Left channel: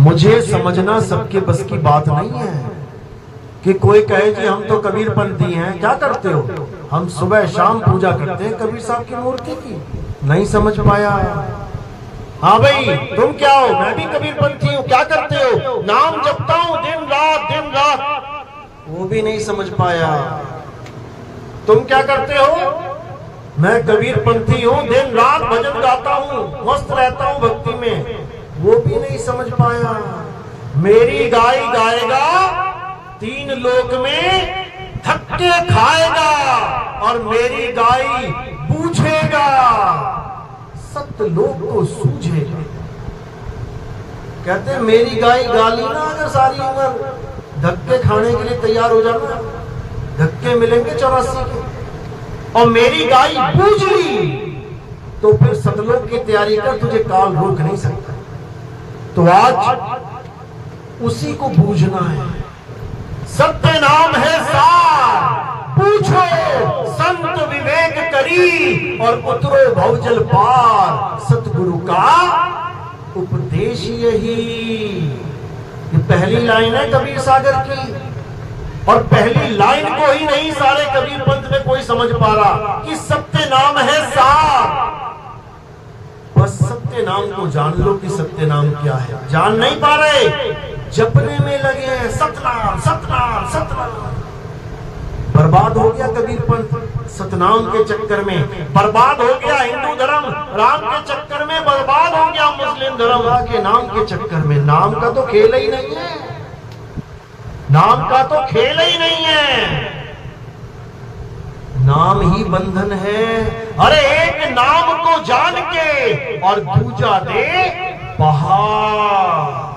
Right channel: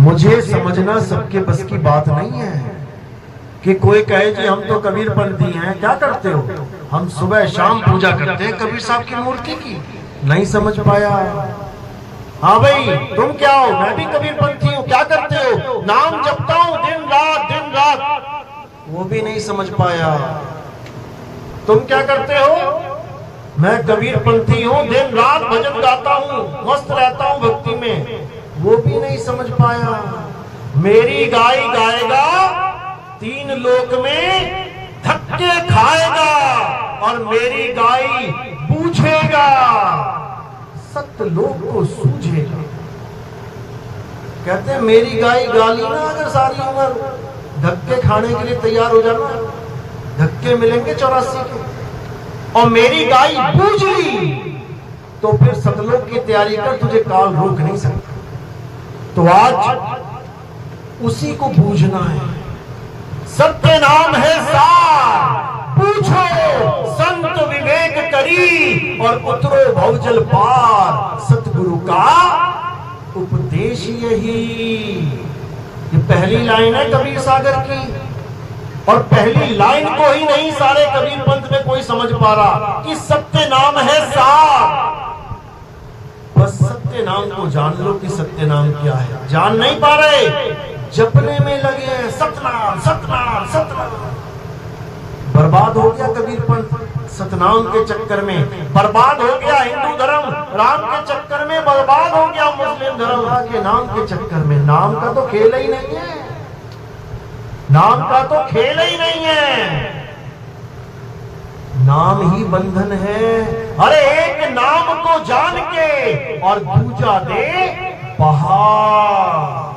मुझे समझना सबके बस की बात नहीं है कि कोई कहे कि हम तो कबीर पंथी हैं। क्या करते हो? हम सुबह शाम पूजा करते हैं कबीर साहब की मूर्ति की। नहीं समझ पाया। हाँ भाई, तुम क्या हो? मैं भी कबीर पंथी हूँ। क्या करते हो? नाम जपता हूँ दिन रात। वो भी नहीं समझ पाया। तुम क्या करते हो? मैं कबीर पंथी हूँ, दिन रात भजन गाता हूँ, मस्त रहता हूँ भक्ति में। वो भी नहीं समझ पाया। मेरी गाय गाएगा, 3 लोक में धक्के खाएगा, और मेरी गाय पूछेगा, सतलोक को सूझेगा। कहते हैं मेरी गाय गाली ना अगर सारी उम्र, धक्के खाने के लिए तैयार हो जाना। धक्के मिलेंगे 84 के। और मेरी गाय बूझ ली तो फिर सतलोक की तैयारी कर, तुझे काल रोक नहीं सकता। तो आज उसी को बूझना है। सत्य नाम है सार, पूछो संत विवेक करी, और उतरो भवजल पार। सतगुरु का उपदेश यही। ये पहली लाइन है कबीर सागर की, और पहली लाइन को ही नहीं सारे कबीर पंथ में कोई समझ पा रहा कि सत्य नाम है सार। बस सत्य नाम को जान लो कि सत्य नाम क्या है। जान नहीं पा रहे, जपने में लगे हैं सतनाम सतनाम सतनाम। बर्बाद हो गया कबीर पंथ सतनाम के चक्कर में। बर्बाद हो गया हिंदू धर्म राम के चक्कर में। बर्बाद हो गया मुस्लिम धर्म के नाम के चक्कर में। नाम का तो खेल ही नहीं है। नाम का तो खेल ही नहीं है। नाम ही बंधन है। अरे एक नाम को जान के और दूजा दे पहाड़,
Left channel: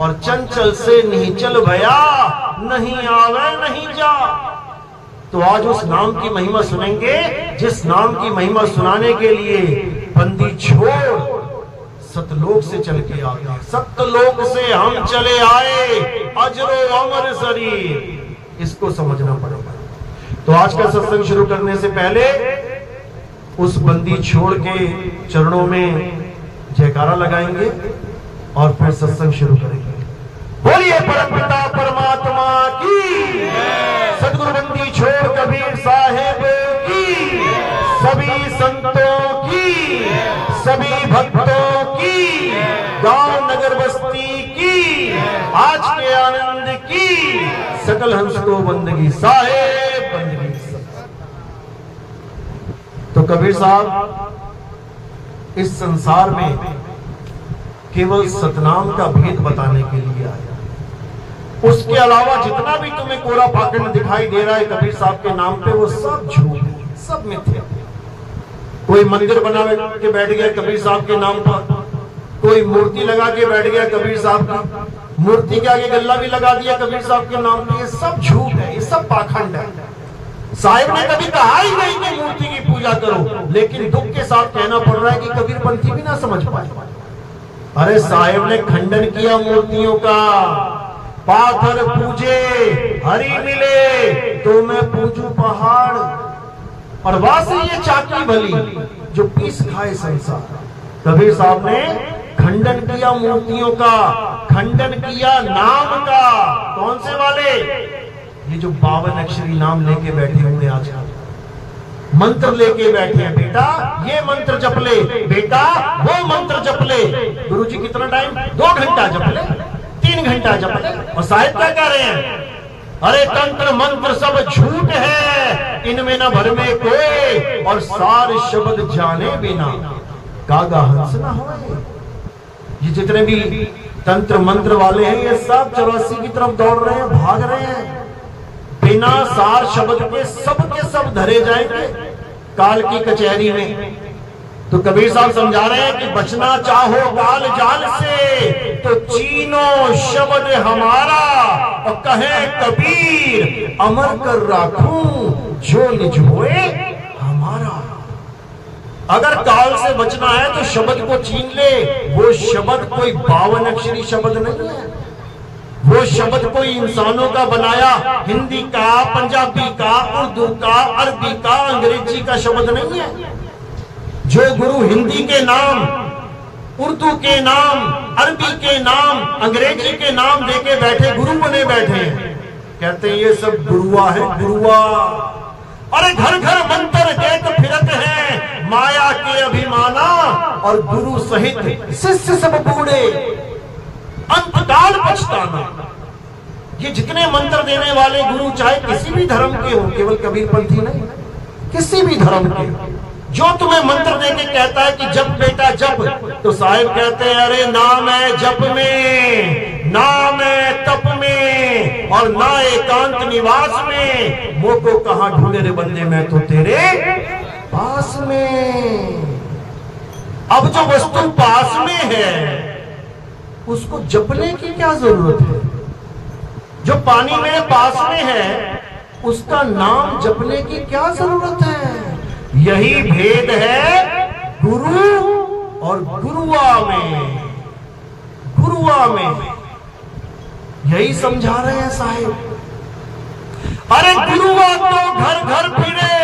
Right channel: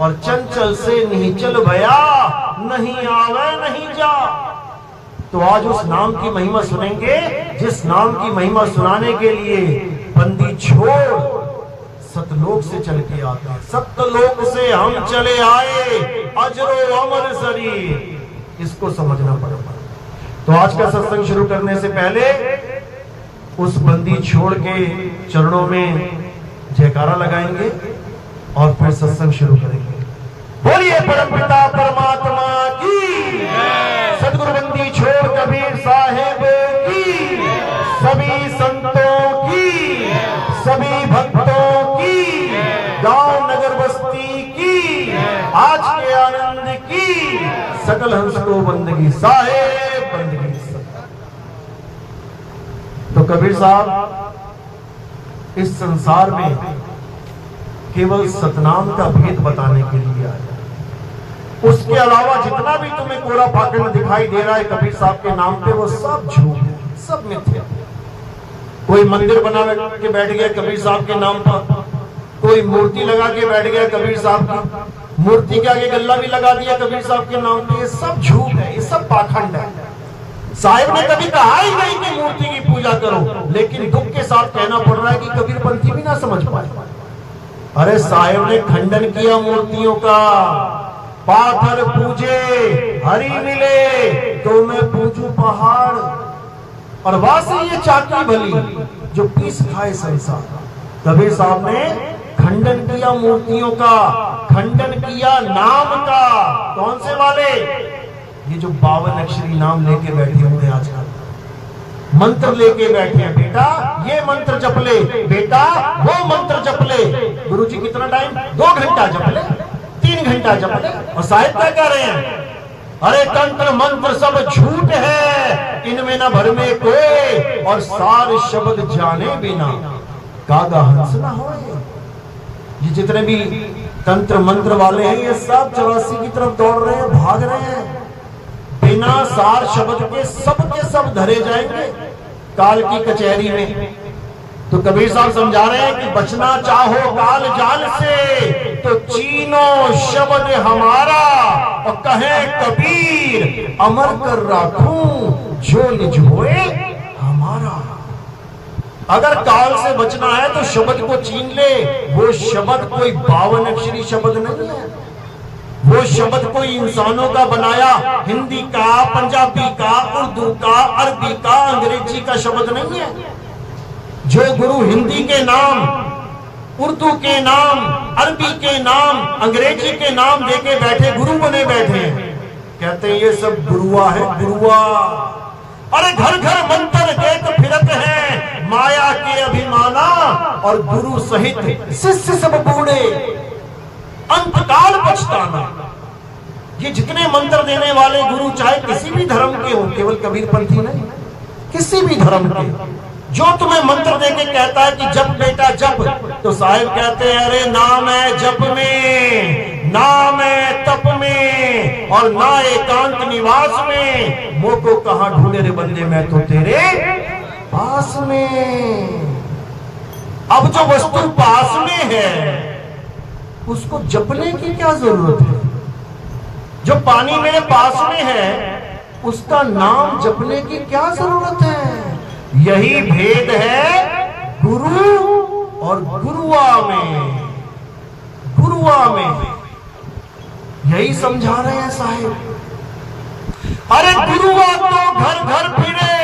और चंचल से नहीं चल भया, नहीं आवे नहीं जा। तो आज उस नाम की महिमा सुनेंगे जिस नाम की महिमा सुनाने के लिए बंदी छोड़ सतलोक से चल के आते। सतलोक से हम चले आए, अजरो अमर शरीर। इसको समझना पड़ेगा। तो आज का सत्संग शुरू करने से पहले उस बंदी छोड़ के चरणों में जयकारा लगाएंगे और फिर सत्संग शुरू करेंगे। बोलिए परमपिता परमात्मा की, सदगुरु बंदी छोड़ कबीर साहेब की, सभी संतों की, सभी भक्तों की, गांव नगर बस्ती की, आज के आनंद की, सकल हंस को बंदगी साहेब बंदगी। तो कबीर साहब इस संसार में केवल सतनाम का भेद बताने के लिए आया। उसके अलावा जितना भी तुम्हें कोरा पाखंड दिखाई दे रहा है कबीर साहब के नाम पे, वो सब झूठ है, सब मिथ्या है। कोई मंदिर बना के बैठ गया कबीर साहब के नाम पर, कोई मूर्ति लगा के बैठ गया कबीर साहब की, मूर्ति के आगे गल्ला भी लगा दिया कबीर साहब के नाम पे। ये सब झूठ है, ये सब पाखंड है। साहिब ने कभी कहा ही नहीं कि मूर्ति की पूजा करो, लेकिन दुख के साथ कहना पड़ रहा है कि कबीर पंथी भी ना समझ पाए। अरे साहिब ने खंडन किया मूर्तियों का। पाथर पूजे हरि मिले, तो मैं पूजू पहाड़। और वासे ये चाकी भली जो पीस खाए संसार। कबीर साहब ने खंडन किया मूर्तियों का, खंडन किया नाम का। कौन से वाले? ये जो 52 अक्षरी नाम लेके बैठे हुए आजकल, मंत्र लेके बैठे हैं। बेटा ये मंत्र जप ले, बेटा वो मंत्र जप ले। गुरुजी कितना टाइम? 2 घंटा जप ले, 3 घंटा जप ले। और साहिब क्या कह रहे हैं? अरे तंत्र मंत्र सब झूठ है, इनमें न भर में कोई, और सार शब्द जाने बिना कागा हंस ना हो। ये जितने भी तंत्र मंत्र वाले हैं ये सब 84 की तरफ दौड़ रहे हैं, भाग रहे हैं। बिना सार शब्द के सब धरे जाएंगे काल की कचहरी में। तो कबीर साहब समझा रहे हैं कि बचना चाहो काल जाल से, तो चीनो शब्द हमारा, और कहे कबीर अमर कर राखूं जो निज होए हमारा। अगर काल से बचना है तो शब्द को छीन ले। वो शब्द कोई 52 अक्षरी शब्द नहीं है। वो शब्द कोई इंसानों का बनाया, हिंदी का, पंजाबी का, उर्दू का, अरबी का, अंग्रेजी का शब्द नहीं है। जो गुरु हिंदी के नाम उर्दू के नाम, अरबी के नाम, अंग्रेजी के नाम देके बैठे गुरु बने बैठे हैं। कहते हैं ये सब गुरुआ है, गुरुआ। अरे घर घर मंत्र देख फिरत है माया के अभिमाना, और गुरु सहित शिष्य सब बूढ़े अंतकाल पछताना। ये जितने मंत्र देने वाले गुरु चाहे किसी भी धर्म के हो, केवल कबीरपंथी नहीं, किसी भी धर्म के, जो तुम्हें मंत्र देके कहता है कि जप बेटा जप, तो साहिब कहते हैं अरे नाम है जप में, नाम है तप में, और ना एकांत निवास में। मोह को कहां ढूंढे रे बंदे, मैं तो तेरे पास में। अब जो वस्तु पास में है उसको जपने की क्या जरूरत है? जो पानी मेरे पास में है उसका नाम जपने की क्या जरूरत है? यही भेद है गुरु और गुरुआ में, गुरुआ में। यही समझा रहे हैं साहिब। अरे गुरुआ तो घर घर फिरे,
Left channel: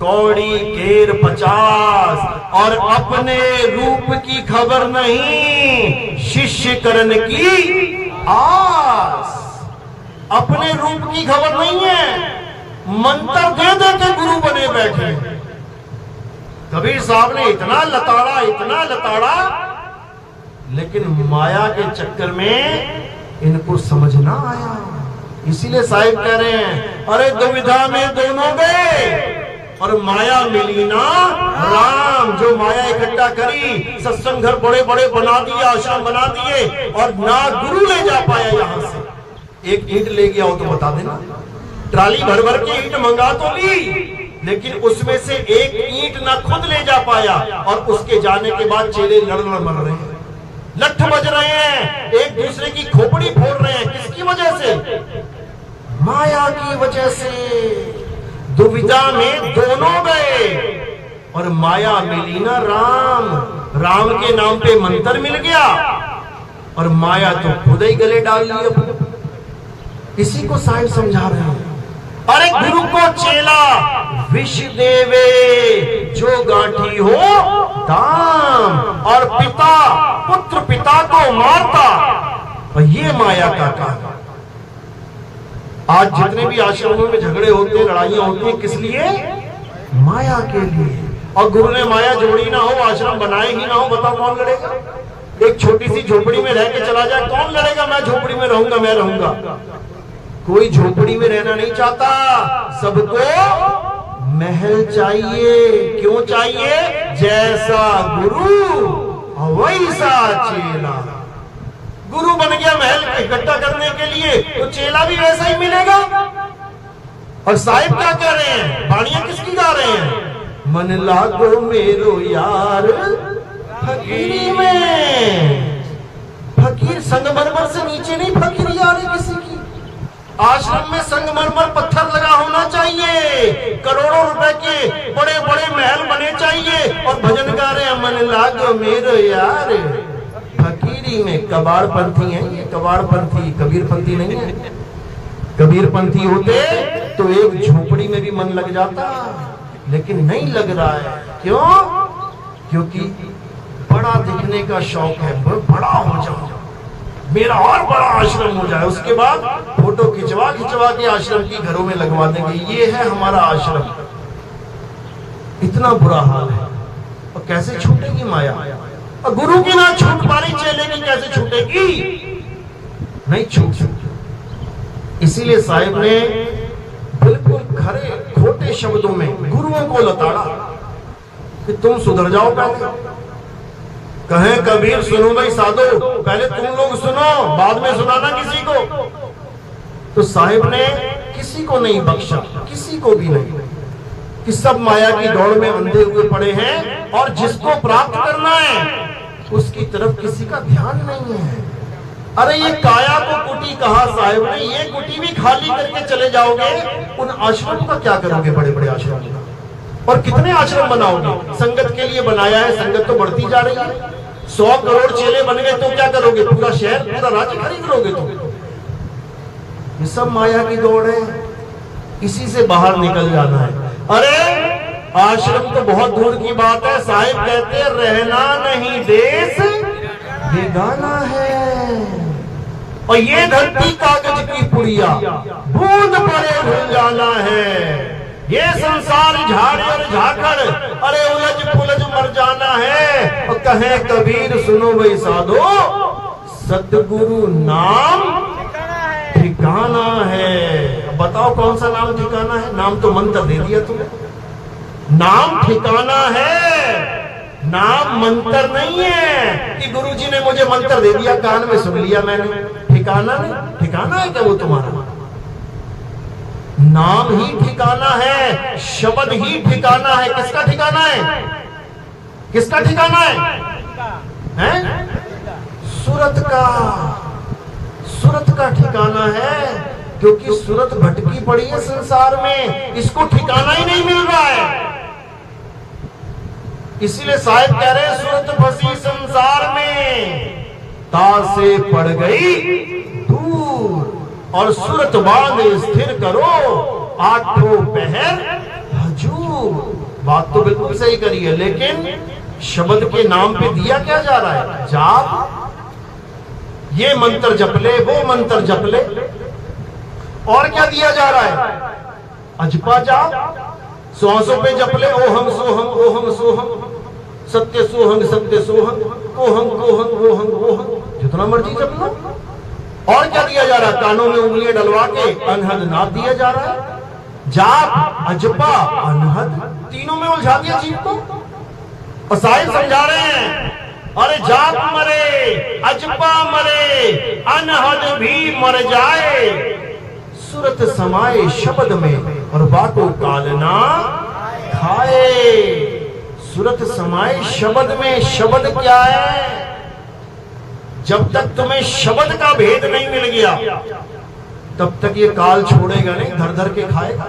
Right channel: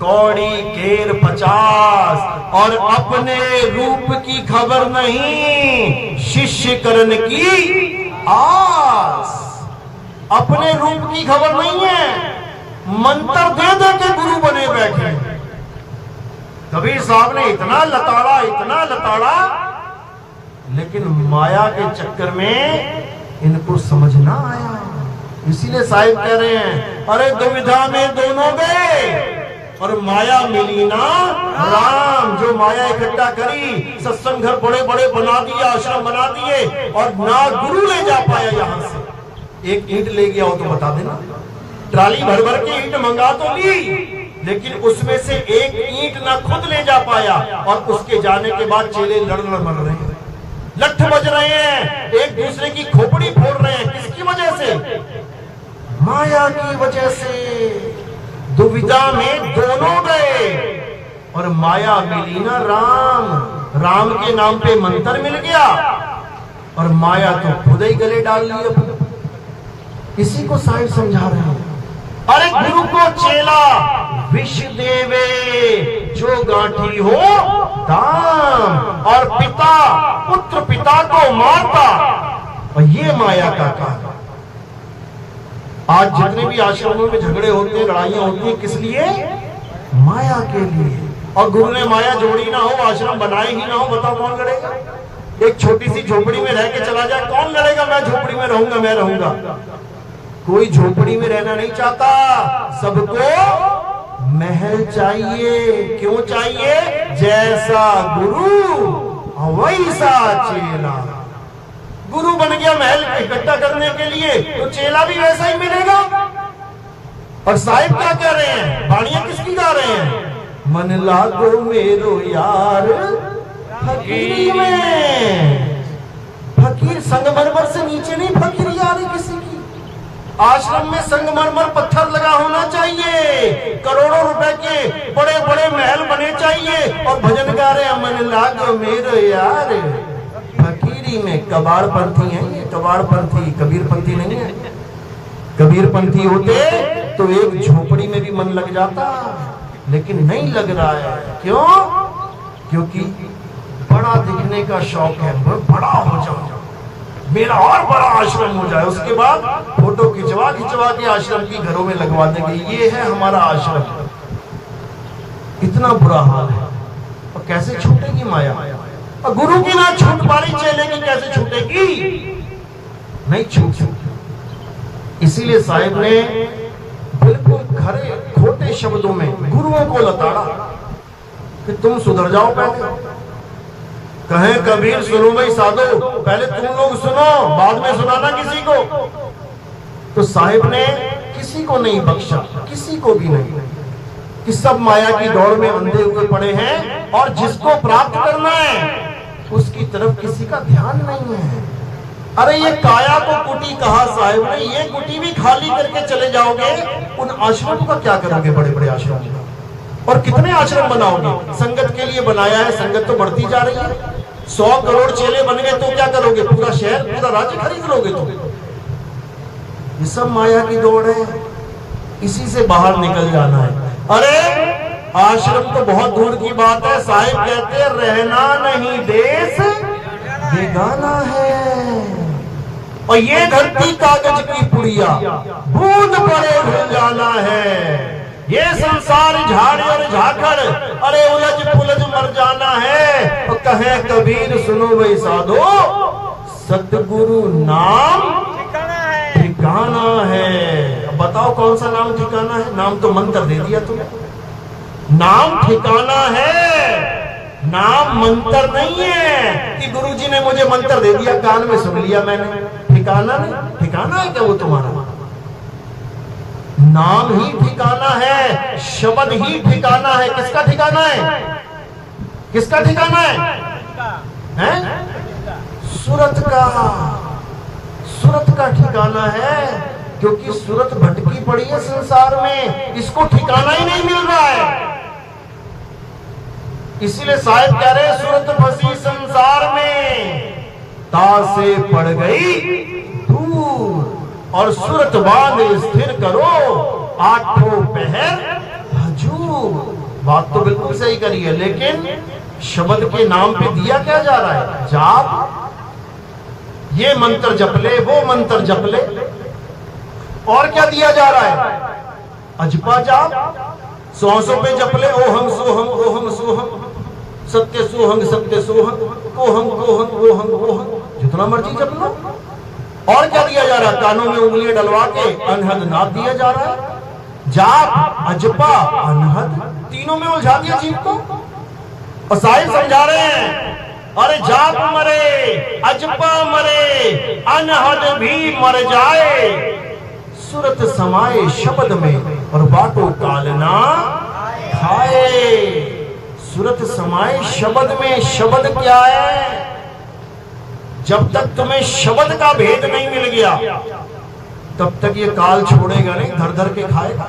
कौड़ी केर 50, और अपने रूप की खबर नहीं, शिष्य करण की आस। अपने रूप की खबर नहीं है, मंत्र दे दे के गुरु बने बैठे। कबीर साहब ने इतना लताड़ा, इतना लताड़ा, लेकिन माया के चक्कर में इनको समझ ना आया। इसीलिए साहिब कह रहे हैं अरे दुविधा में दोनों गए, और माया मिली ना राम। जो माया इकट्ठा करी, सत्संग घर बड़े बड़े बना दिए, आश्रम बना दिए, और ना गुरु ले जा पाया यहां से। एक ईंट ले गया हो तो बता देना, ट्राली भर भर के ईंट मंगा तो ली, लेकिन उसमें से एक ईंट ना खुद ले जा पाया, और उसके जाने के बाद चेले लड़ लड़ मर रहे हैं, लठ बज रहे हैं, एक दूसरे की खोपड़ी फोड़ रहे हैं। किसकी वजह से? माया की वजह से। दुविधा में दोनों गए, और माया मिली ना राम। राम के नाम पे मंत्र मिल गया, और माया तो खुद ही गले डाल ली अपने। इसी को साहिब समझा रहे हैं। अरे गुरु को चेला विष देवे, जो गांठी हो दाम, और पिता पुत्र पिता को मारता, और ये माया का काम। आज जितने भी आश्रमों में झगड़े होते हैं, लड़ाइयां होती हैं, किस लिए? माया के लिए। और गुरु ने माया जोड़ी ना हो, आश्रम बनाए ही ना हो, बताओ कौन लड़ेगा? एक छोटी सी झोपड़ी में रह के चला जाए, कौन लड़ेगा? मैं झोपड़ी में रहूंगा, मैं रहूंगा। कोई झोपड़ी में रहना नहीं चाहता, सबको महल चाहिए। क्यों चाहिए? जैसा गुरु वैसा चेला। गुरु बन गया महल इकट्ठा करने के लिए, तो चेला भी वैसा ही मिलेगा। और साहिब क्या कह रहे हैं? बाणियां किसकी गा रहे हैं? मन लागो मेरो यार फकीरी में। फकीर संगमरमर से नीचे नहीं फकीरी आ रही किसी की। आश्रम में संगमरमर पत्थर लगा होना चाहिए, करोड़ों रुपए के बड़े बड़े महल बने चाहिए, और भजन गा रहे हैं मन लागो मेरो यार फकीरी में। कबाड़पंथी है ये, कबाड़पंथी, कबीरपंथी नहीं है। कबीरपंथी होते तो एक झोपड़ी में भी मन लग जाता, लेकिन नहीं लग रहा है। क्यों? क्योंकि बड़ा दिखने का शौक है, बड़ा हो जाओ, मेरा और बड़ा आश्रम हो जाए, उसके बाद फोटो खिंचवा खिंचवा के आश्रम की घरों में लगवा देंगे, ये है हमारा आश्रम। इतना बुरा हाल है। और कैसे छूटेगी माया? और गुरु की ना छूट पा रही, चेले की कैसे छूटेगी? नहीं छूट सकती। इसीलिए साहिब ने बिल्कुल खरे खोटे शब्दों में गुरुओं को लताड़ा कि तुम सुधर जाओ। पहले कहें कबीर सुनो भाई साधो, पहले तुम लोग सुनो, बाद में सुनाना किसी को। तो साहिब ने किसी को नहीं बख्शा, किसी को भी नहीं, कि सब माया की दौड़ में अंधे हुए पड़े हैं, और जिसको प्राप्त करना है उसकी तरफ किसी का ध्यान नहीं है। अरे ये काया को कुटी कहा साहिब ने, ये कुटी भी खाली करके चले जाओगे, उन आश्रमों का क्या करोगे? बड़े बड़े आश्रमों का। और कितने आश्रम बनाओगे? संगत के लिए बनाया है, संगत तो बढ़ती जा रही है। 100 करोड़ चेले बन गए तो क्या करोगे? पूरा शहर, पूरा राज्य खरीद लोगे तुम? ये सब माया की दौड़ है, इसी से बाहर निकल जाना है। अरे आश्रम तो बहुत दूर की बात है। साहिब कहते रहना नहीं देश बेगाना है, और ये धरती कागज की पुड़िया बूंद पड़े भूल जाना है। ये संसार झाड़ और झाकड़ अरे उलझ पुलझ मर जाना है। और कहे कबीर सुनो भाई साधो, सतगुरु नाम ठिकाना है। अब बताओ कौन सा नाम ठिकाना है? नाम तो मंत्र दे दिया तुम्हें, नाम ठिकाना है, नाम मंत्र नहीं है कि गुरुजी ने मुझे मंत्र दे दिया, कान में सुन लिया मैंने। ठिकाना नहीं, ठिकाना है क्या वो तुम्हारा? नाम ही ठिकाना है, शब्द ही ठिकाना है। किसका ठिकाना है? किसका ठिकाना है? हैं? सूरत का, सूरत का ठिकाना है, क्योंकि सूरत भटकी पड़ी है संसार में, इसको ठिकाना ही नहीं मिल रहा है। इसीलिए साहिब कह रहे हैं सूरत फंसी संसार में, तासे पड़ गई दूर, और सूरत बांध स्थिर करो आठों पहर हजूर। बात तो बिल्कुल सही करी है, लेकिन शब्द के नाम पे दिया क्या जा रहा है? जाप। ये मंत्र जप ले, वो मंत्र जप ले, और क्या दिया जा रहा है? अजपा जाप। श्वासों पे जप ले, ओहम सोहम, सत्य सोहम, कोहम वोहम, जितना मर्जी जप लो। और क्या दिया जा रहा है? कानों में उंगलियां डलवा के अनहद नाद दिया जा रहा है। जाप, अजपा, अनहद, तीनों में उलझा दिया जीव को। और साहिब समझा रहे हैं, अरे जाप मरे, अजपा मरे, अनहद भी मर जाए, सूरत समाए शब्द में और बाटो कालना खाए। सूरत समाए शब्द में। शब्द क्या है? जब तक तुम्हें शब्द का भेद नहीं मिल गया तब तक ये काल छोड़ेगा नहीं, धर धर के खाएगा।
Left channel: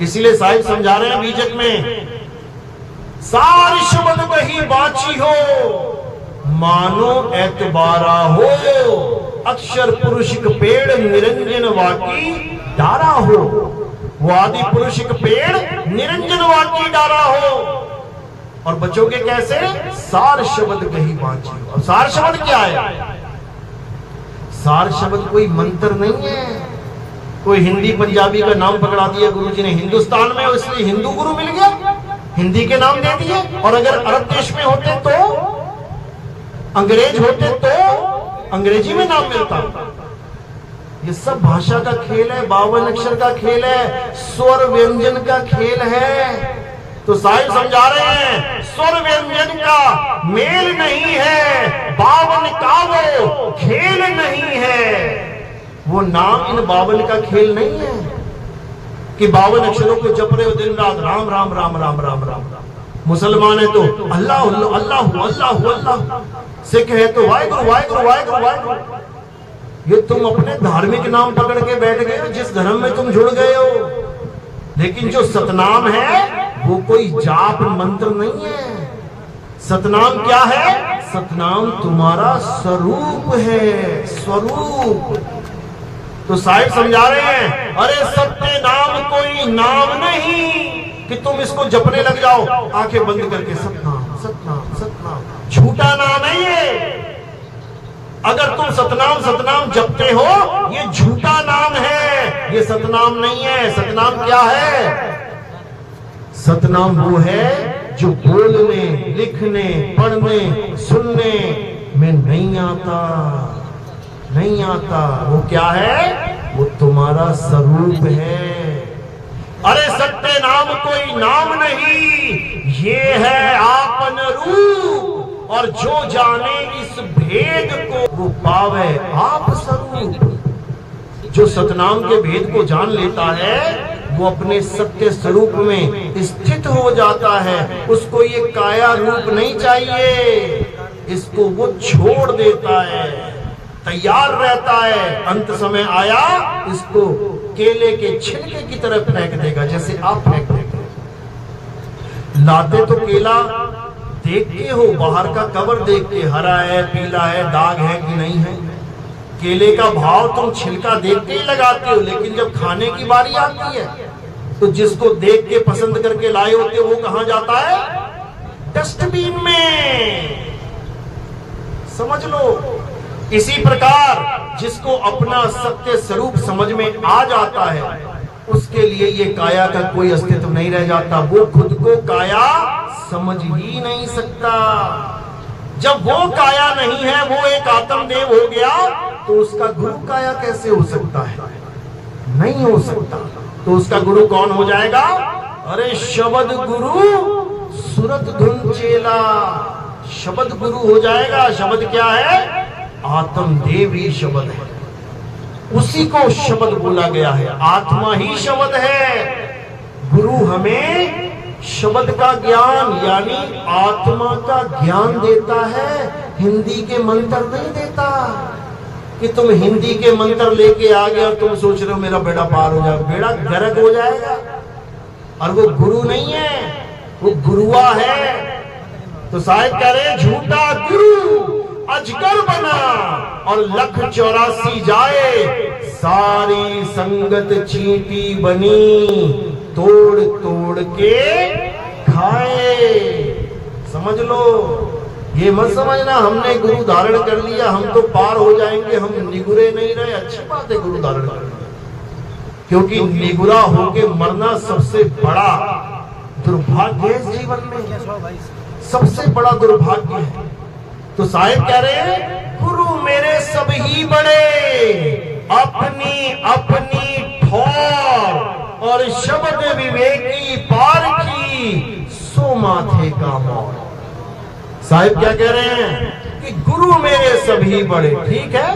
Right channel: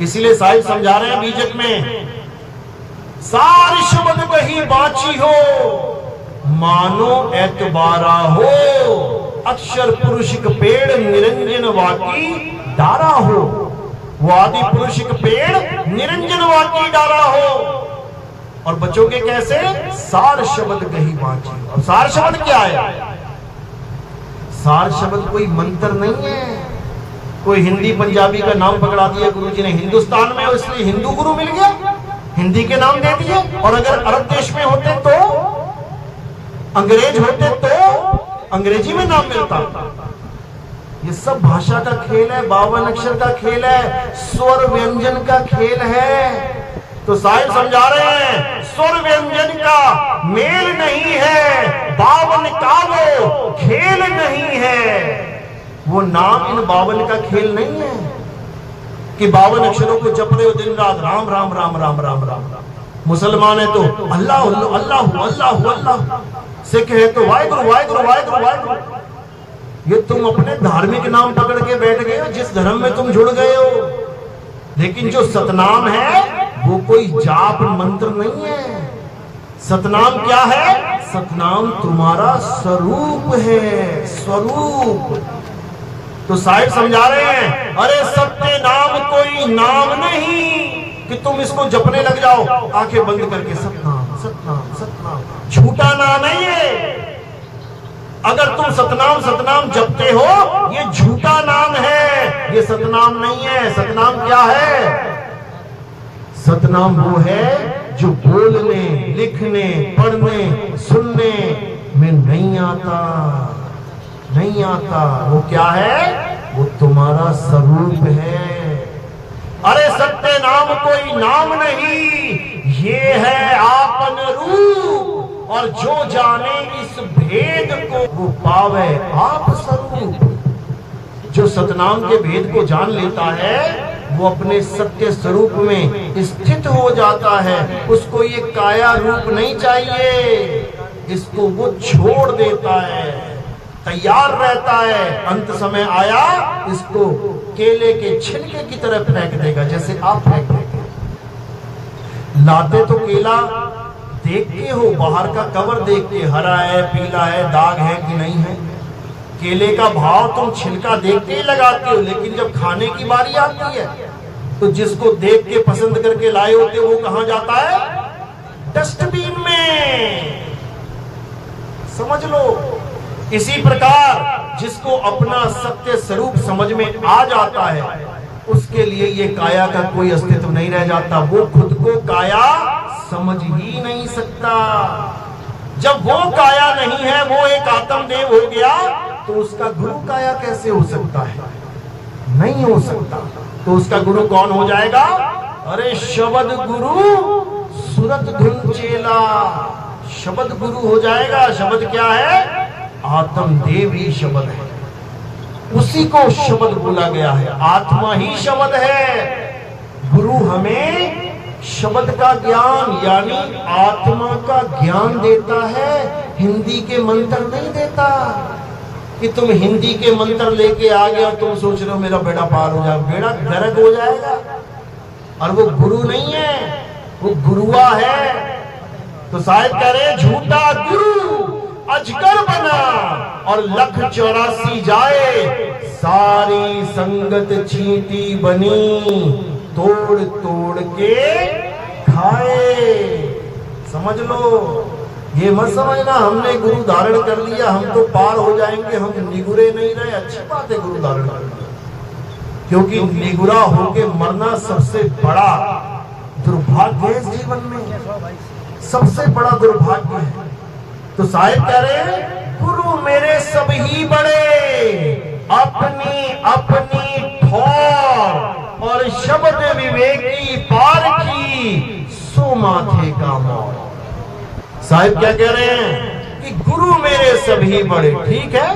इसीलिए साहिब समझा रहे हैं बीजक में, सार शब्द कहीं बाची हो, मानो एतबारा हो, अक्षर पुरुषिक पेड़ निरंजन वाकी डारा हो। वो आदि पुरुषिक पेड़ निरंजन वाकी डारा हो। और बचोगे कैसे? सार शब्द कहीं बाची। और सार शब्द क्या है? सार शब्द कोई मंत्र नहीं है, कोई हिंदी पंजाबी का नाम पकड़ा दिया गुरुजी ने हिंदुस्तान में, इसलिए हिंदू गुरु मिल गया, हिंदी के नाम दे दिए। और अगर अरब देश में होते तो, अंग्रेज होते तो अंग्रेजी में नाम मिलता। ये सब भाषा का खेल है, 52 अक्षर का खेल है, स्वर व्यंजन का खेल है। तो साहिब समझा रहे हैं, स्वर व्यंजन का मेल नहीं है, 52 का वो खेल नहीं है। वो नाम इन 52 का खेल नहीं है कि 52 अक्षरों को जप रहे हो दिन रात, राम राम राम राम राम राम राम। मुसलमान है तो अल्लाह अल्लाह अल्लाह अल्लाह, सिख है तो वाहिगुरु वाहिगुरु वाहिगुरु वाहिगुरु। ये तुम अपने धार्मिक नाम पकड़ के बैठ गए हो, जिस धर्म में तुम जुड़ गए हो। लेकिन जो सतनाम है वो कोई जाप मंत्र नहीं है। सतनाम क्या है? सतनाम तुम्हारा स्वरूप है, स्वरूप। तो साहिब समझा रहे हैं, अरे सत्य नाम कोई नाम नहीं कि तुम इसको जपने लग जाओ आंखें बंद करके, सतनाम सतनाम सतनाम। झूठा नाम है ये। अगर तुम सतनाम सतनाम जपते हो, ये झूठा नाम है, ये सतनाम नहीं है। सतनाम क्या है? सतनाम वो है जो बोलने, लिखने, पढ़ने, सुनने में नहीं आता, नहीं आता। वो क्या है? वो तुम्हारा स्वरूप है। अरे सत्य नाम कोई नाम नहीं, ये है आपन रूप, और जो जाने इस भेद को वो पावे आप स्वरूप। जो सतनाम के भेद को जान लेता है वो अपने सत्य स्वरूप में स्थित हो जाता है। उसको ये काया रूप नहीं चाहिए, इसको वो छोड़ देता है, तैयार रहता है। अंत समय आया इसको केले के छिलके की तरह फेंक देगा, जैसे आप फेंक देंगे। लाते तो केला देख के हो, बाहर का कवर देख के, हरा है, पीला है, दाग है कि नहीं है। केले का भाव तुम छिलका देख के ही लगाते हो, लेकिन जब खाने की बारी आती है तो जिसको देख के पसंद करके लाए होते वो कहां जाता है? डस्टबिन में। समझ लो। इसी प्रकार जिसको अपना सत्य स्वरूप समझ में आ जाता है उसके लिए ये काया का कोई अस्तित्व नहीं रह जाता। वो खुद को काया समझ ही नहीं सकता। जब वो काया नहीं है, वो एक आत्मदेव हो गया, तो उसका गुरु काया कैसे हो सकता है? नहीं हो सकता। तो उसका गुरु कौन हो जाएगा? अरे शब्द गुरु सुरत धुन चेला, शब्द गुरु हो जाएगा। शब्द क्या है? आत्मदेव ही शब्द है, उसी को शब्द बोला गया है। आत्मा ही शब्द है। गुरु हमें शब्द का ज्ञान यानी आत्मा का ज्ञान देता है, हिंदी के मंत्र नहीं देता। कि तुम हिंदी के मंत्र लेके आ गए और तुम सोच रहे हो मेरा बेड़ा पार हो जाएगा, बेड़ा गर्क हो जाएगा। और वो गुरु नहीं है, वो गुरुआ है। तो साहिब कह रहे झूठा गुरु अजगर बना और 1,84 जाए, सारी संगत चींटी बनी, तोड़ तोड़ के खाए। समझ लो। ये मत समझना हमने गुरु धारण कर लिया हम तो पार हो जाएंगे, हम निगुरे नहीं रहे। अच्छी बात है गुरु धारण कर लिया, क्योंकि निगुरा होके मरना सबसे बड़ा दुर्भाग्य है। इस जीवन में सबसे बड़ा दुर्भाग्य है। तो साहिब कह रहे हैं गुरु मेरे सब ही बड़े, अपनी अपनी ठौर और शब्द विवेकी पारखी, सो माथे का मोर। साहिब क्या कह रहे हैं कि गुरु मेरे सभी बड़े। ठीक है,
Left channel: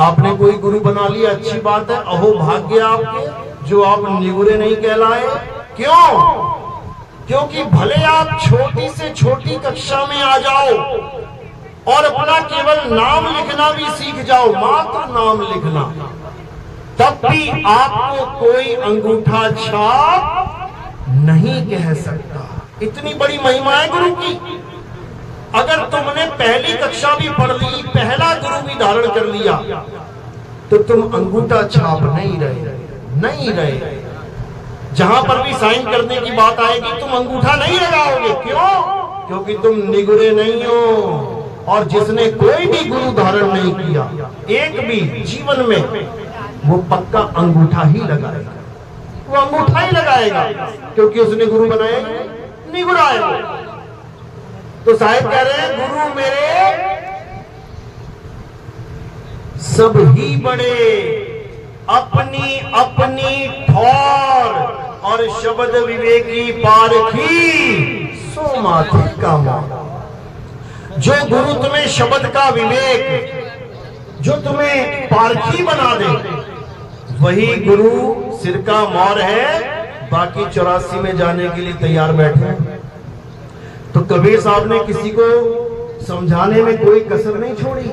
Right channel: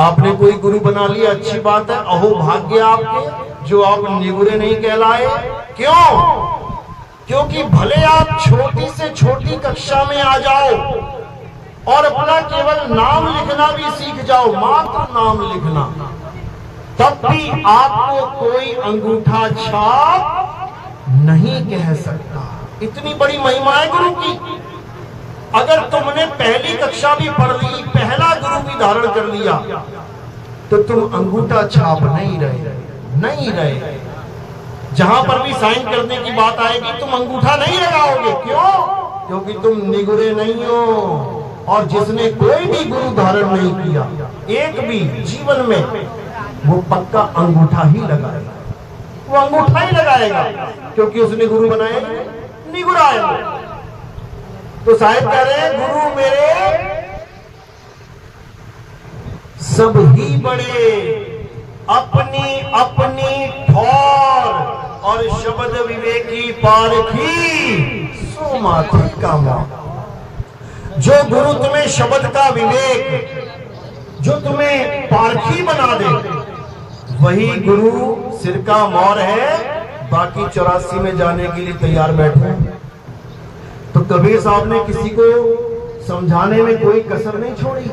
आपने कोई गुरु बना लिया, अच्छी बात है। अहो भाग्य आपके जो आप निगुरे नहीं कहलाए। क्यों? क्योंकि भले आप छोटी से छोटी कक्षा में आ जाओ और अपना केवल नाम लिखना भी सीख जाओ, मात्र नाम लिखना, तब भी आपको कोई अंगूठा छाप नहीं कह सकता। इतनी बड़ी महिमा है गुरु की। अगर तुमने पहली कक्षा भी पढ़ ली, पहला गुरु भी धारण कर लिया, तो तुम अंगूठा छाप नहीं रहे। जहां पर भी साइन करने की बात आएगी तुम अंगूठा नहीं लगाओगे। क्यों? क्योंकि तुम निगुरे नहीं हो। और जिसने कोई भी गुरु धारण नहीं किया एक भी जीवन में, वो पक्का अंगूठा ही लगाएगा। वो अंगूठा ही लगाएगा, क्योंकि उसने गुरु बनाया निगुरा है वो। तो साहिब कह रहे हैं गुरु मेरे सब ही बड़े, अपनी अपनी ठौर और शब्द विवेकी पारखी, सो माथे का मोर। जो गुरु तुम्हें शब्द का विवेक, जो तुम्हें पारखी बना दे, वही गुरु सिर का मोर है। बाकी 84 में जाने के लिए तैयार बैठे। तो कबीर साहब ने किसी को समझाने में कोई कसर नहीं छोड़ी।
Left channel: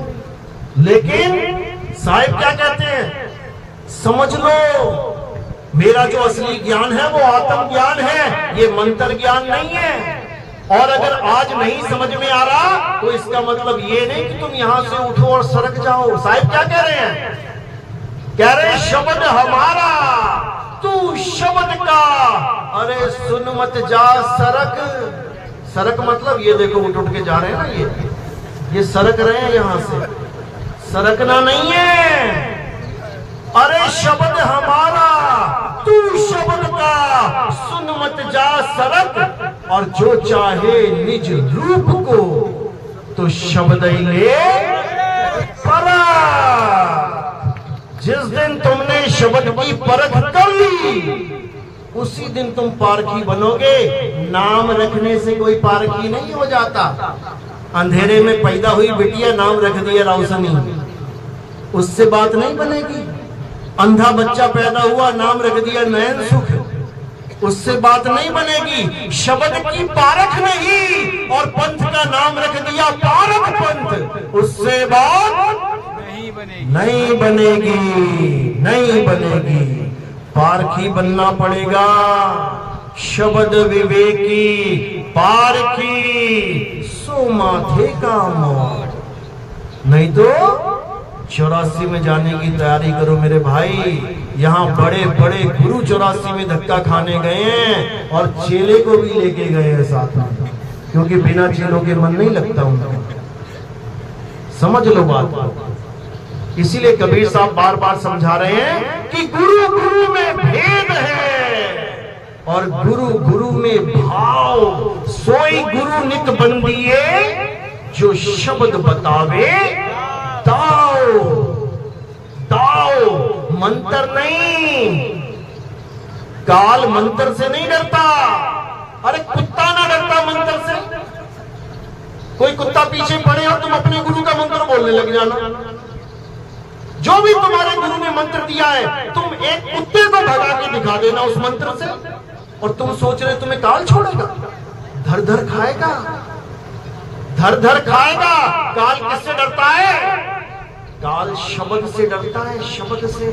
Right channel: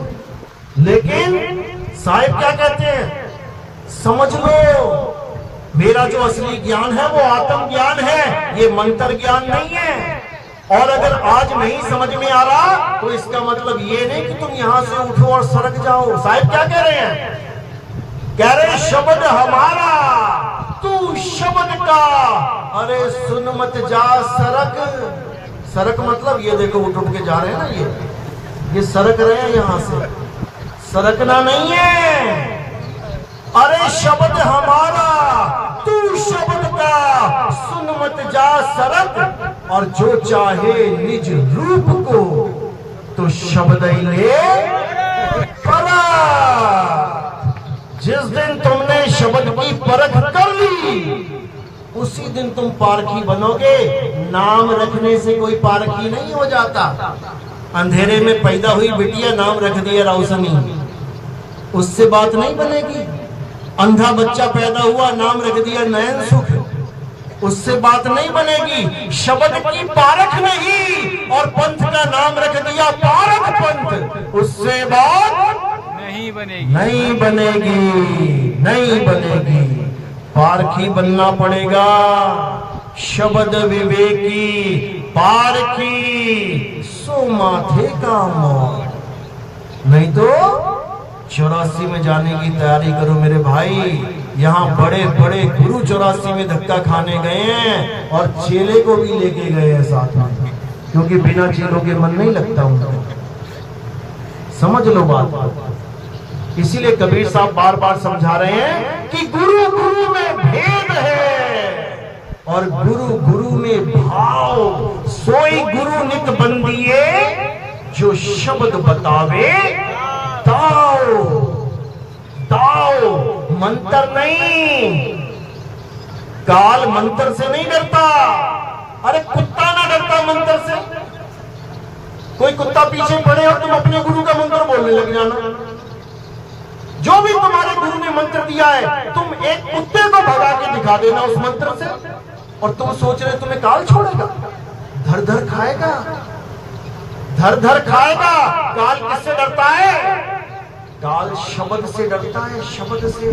लेकिन साहिब क्या कहते हैं? समझ लो, मेरा जो असली ज्ञान है वो आत्म ज्ञान है, ये मंत्र ज्ञान नहीं है। और अगर आज नहीं समझ में आ रहा तो इसका मतलब ये नहीं कि तुम यहां से उठो और सरक जाओ। साहिब क्या कह रहे हैं? कह रहे शब्द हमारा, तू शब्द का, अरे सुन मत जा सरक। सरक मतलब ये देखो उठ उठ के जा रहे हैं ना, ये सरक रहे हैं यहां से, सरकना नहीं है। अरे शब्द हमारा, तू शब्द का, सुन मत जा सरक। और जो चाहे निज रूप को, तो शब्द ही ले परख। जिस दिन तुमने शब्द की परख कर ली, उसी दिन तुम पारखी बनोगे। नाम रखने से कोई पारखी नहीं हो जाता। अंधेरे में पैदा हुई बिटिया नाम रख दिया राउसनी, उससे बात नहीं बनेगी। अंधा बच्चा पैदा हुआ नाम रख दिया नयन सुख, उससे बात नहीं बनेगी। शब्द की पारख नहीं और पंथ का नाम रख दिया पारख पंथ, उससे बात नहीं बनेगी। पारखी बनना पड़ेगा, शब्द विवेकी पारखी, सो माथे का मोर। नहीं तो 84 में जाने की तैयारी करो मेरे भाई। यहाँ बड़े बड़े गुरु 84 में धक्का खाने गए हैं और चेले को भी लेके गए हैं साथ में, क्योंकि बिना चेलों के मन नहीं लगता उनका। समझ लो बात। इसीलिए कबीर साहब बार बार समझा रहे हैं कि गुरु गुरु में भेद है और गुरु गुरु में भाव। सोई गुरु नित बंदिए जो शब्द बतावे दाओ। दाओ मंत्र नहीं, काल मंत्र से नहीं डरता। अरे कुत्ता ना डरता मंत्र से। कोई कुत्ता पीछे पड़े और तुम अपने गुरु का मंत्र बोलने लग जाना। जो भी तुम्हारे गुरु ने मंत्र दिया है, तुम एक कुत्ते को भगा के दिखा देना उस मंत्र से, और तुम सोच रहे तुम्हें काल छोड़ेगा? धर धर खाएगा, धर धर खाएगा। काल किससे डरता है? काल शब्द से डरता है, शब्द से।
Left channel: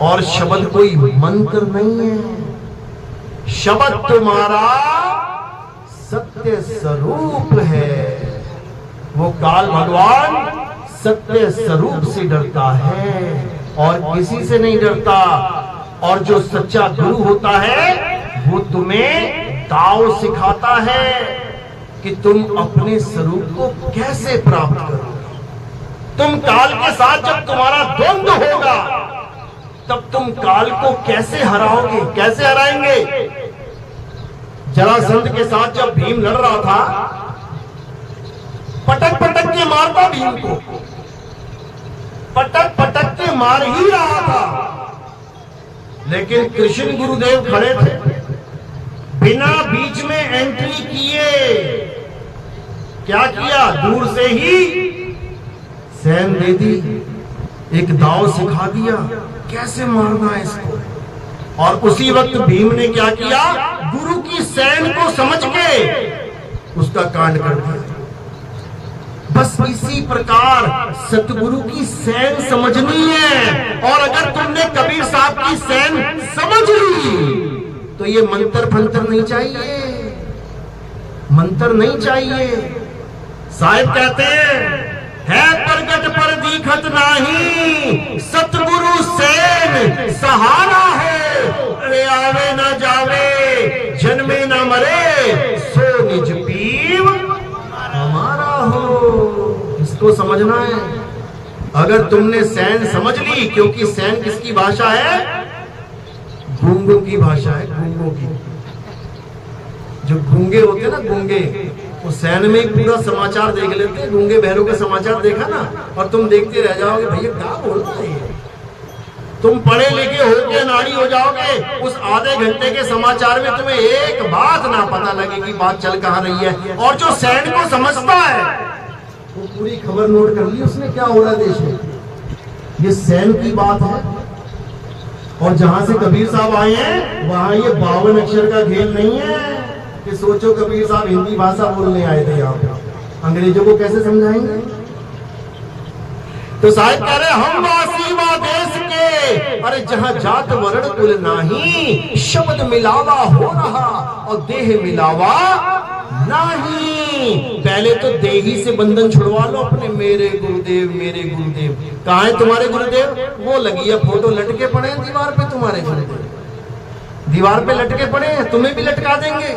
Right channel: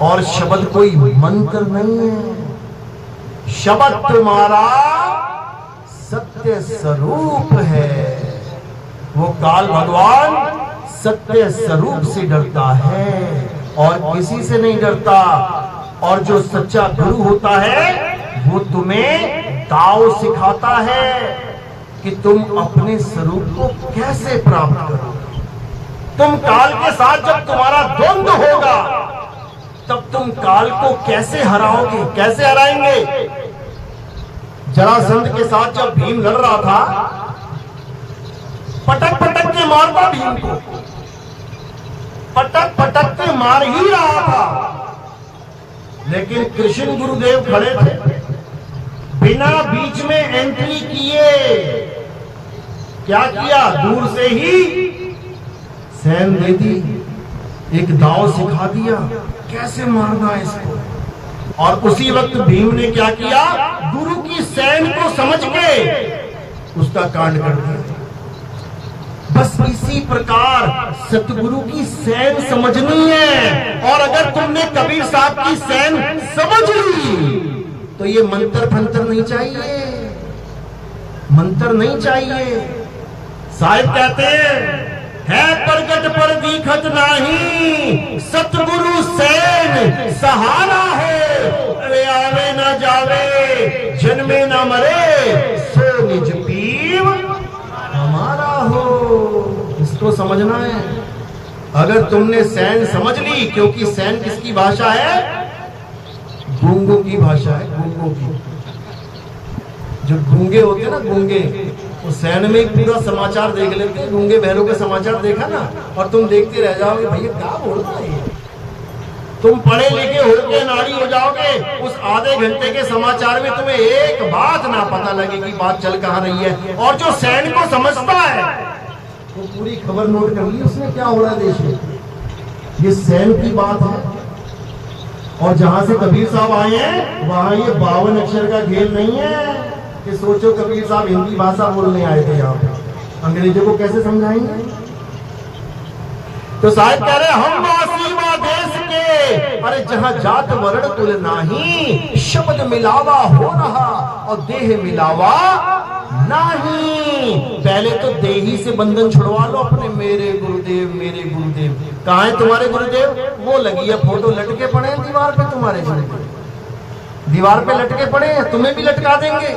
और शब्द कोई मंत्र नहीं है। शब्द तुम्हारा सत्य स्वरूप है। वो काल भगवान सत्य स्वरूप से डरता है और किसी से नहीं डरता। और जो सच्चा गुरु होता है वो तुम्हें दाव सिखाता है कि तुम अपने स्वरूप को कैसे प्राप्त करो। तुम काल के साथ जब तुम्हारा द्वंद्व होगा तब तुम काल को कैसे हराओगे, कैसे हराएंगे? जरासंध के साथ जब भीम लड़ रहा था, पटक पटक के मारता भीम को, पटक पटक के मार ही रहा था। लेकिन कृष्ण गुरुदेव खड़े थे, बिना बीच में एंट्री किए क्या किया? दूर से ही सैन दे दी, एक दाव सिखा दिया कैसे मारना है इसको। और उसी वक्त भीम ने क्या किया? गुरु की सैन को समझ के उसका कांड कर दिया। बस इसी प्रकार सतगुरु की सैन समझनी है। और अगर तुमने कबीर साहब की सैन समझ ली तो ये मंत्र फंतर नहीं चाहिए, मंत्र नहीं चाहिए। साहिब कहते हैं, है प्रगट पर दीखत नाही, सतगुरु सैन सहारा है। अरे आवे ना जावे, जन्मे ना मरे, सो निज पीव हमारा हो। इसको समझना है। अगर तुमने सैन समझ ली, क्योंकि सैन किसकी भाषा है? गूंगों की भाषा है, गूंगों की। जो गूंगे होते हैं ना, गूंगे, वो सैन में ही पूरा समाचार देख लेते हैं। गूंगे बहरों का समाचार देखा ना, और तुम देखते रह जाओगे भैया क्या बोल रहा है ये। तुम पढ़े लिखे होके नाड़ी हो जाओगे, उस आधे घंटे के समाचार में तुम्हें एक बात ना पता लगे कि बात चल कहां रही है। और जो सैन को समझता है वो पूरी खबर नोट कर ली उसने, क्या हो रहा है देश में। ये सैन की बात है। और जहां से कबीर साहब आए हैं वहां ये 52 अक्षर का खेल नहीं है कि सोचो कबीर साहब हिंदी भाषा बोलने आए थे यहाँ पे, अंग्रेजों को कैसे समझाएंगे। तो साहिब कह रहे हम वासी वा देश के, अरे जहां जात वर्ण कुल नाही, शब्द मिलावा हो रहा और देह मिलावा नहीं। पहले तो देही से बंधन छुड़वा लो अपने। मेरे गुरुदेव, मेरे गुरुदेव। कहाँ है तुम्हारे गुरुदेव? वो लगी है फोटो, लटके पड़े हैं दीवार पे तुम्हारे गुरुदेव। दीवार पे लटके पड़े हैं, तुम्हें भी लटका देंगे।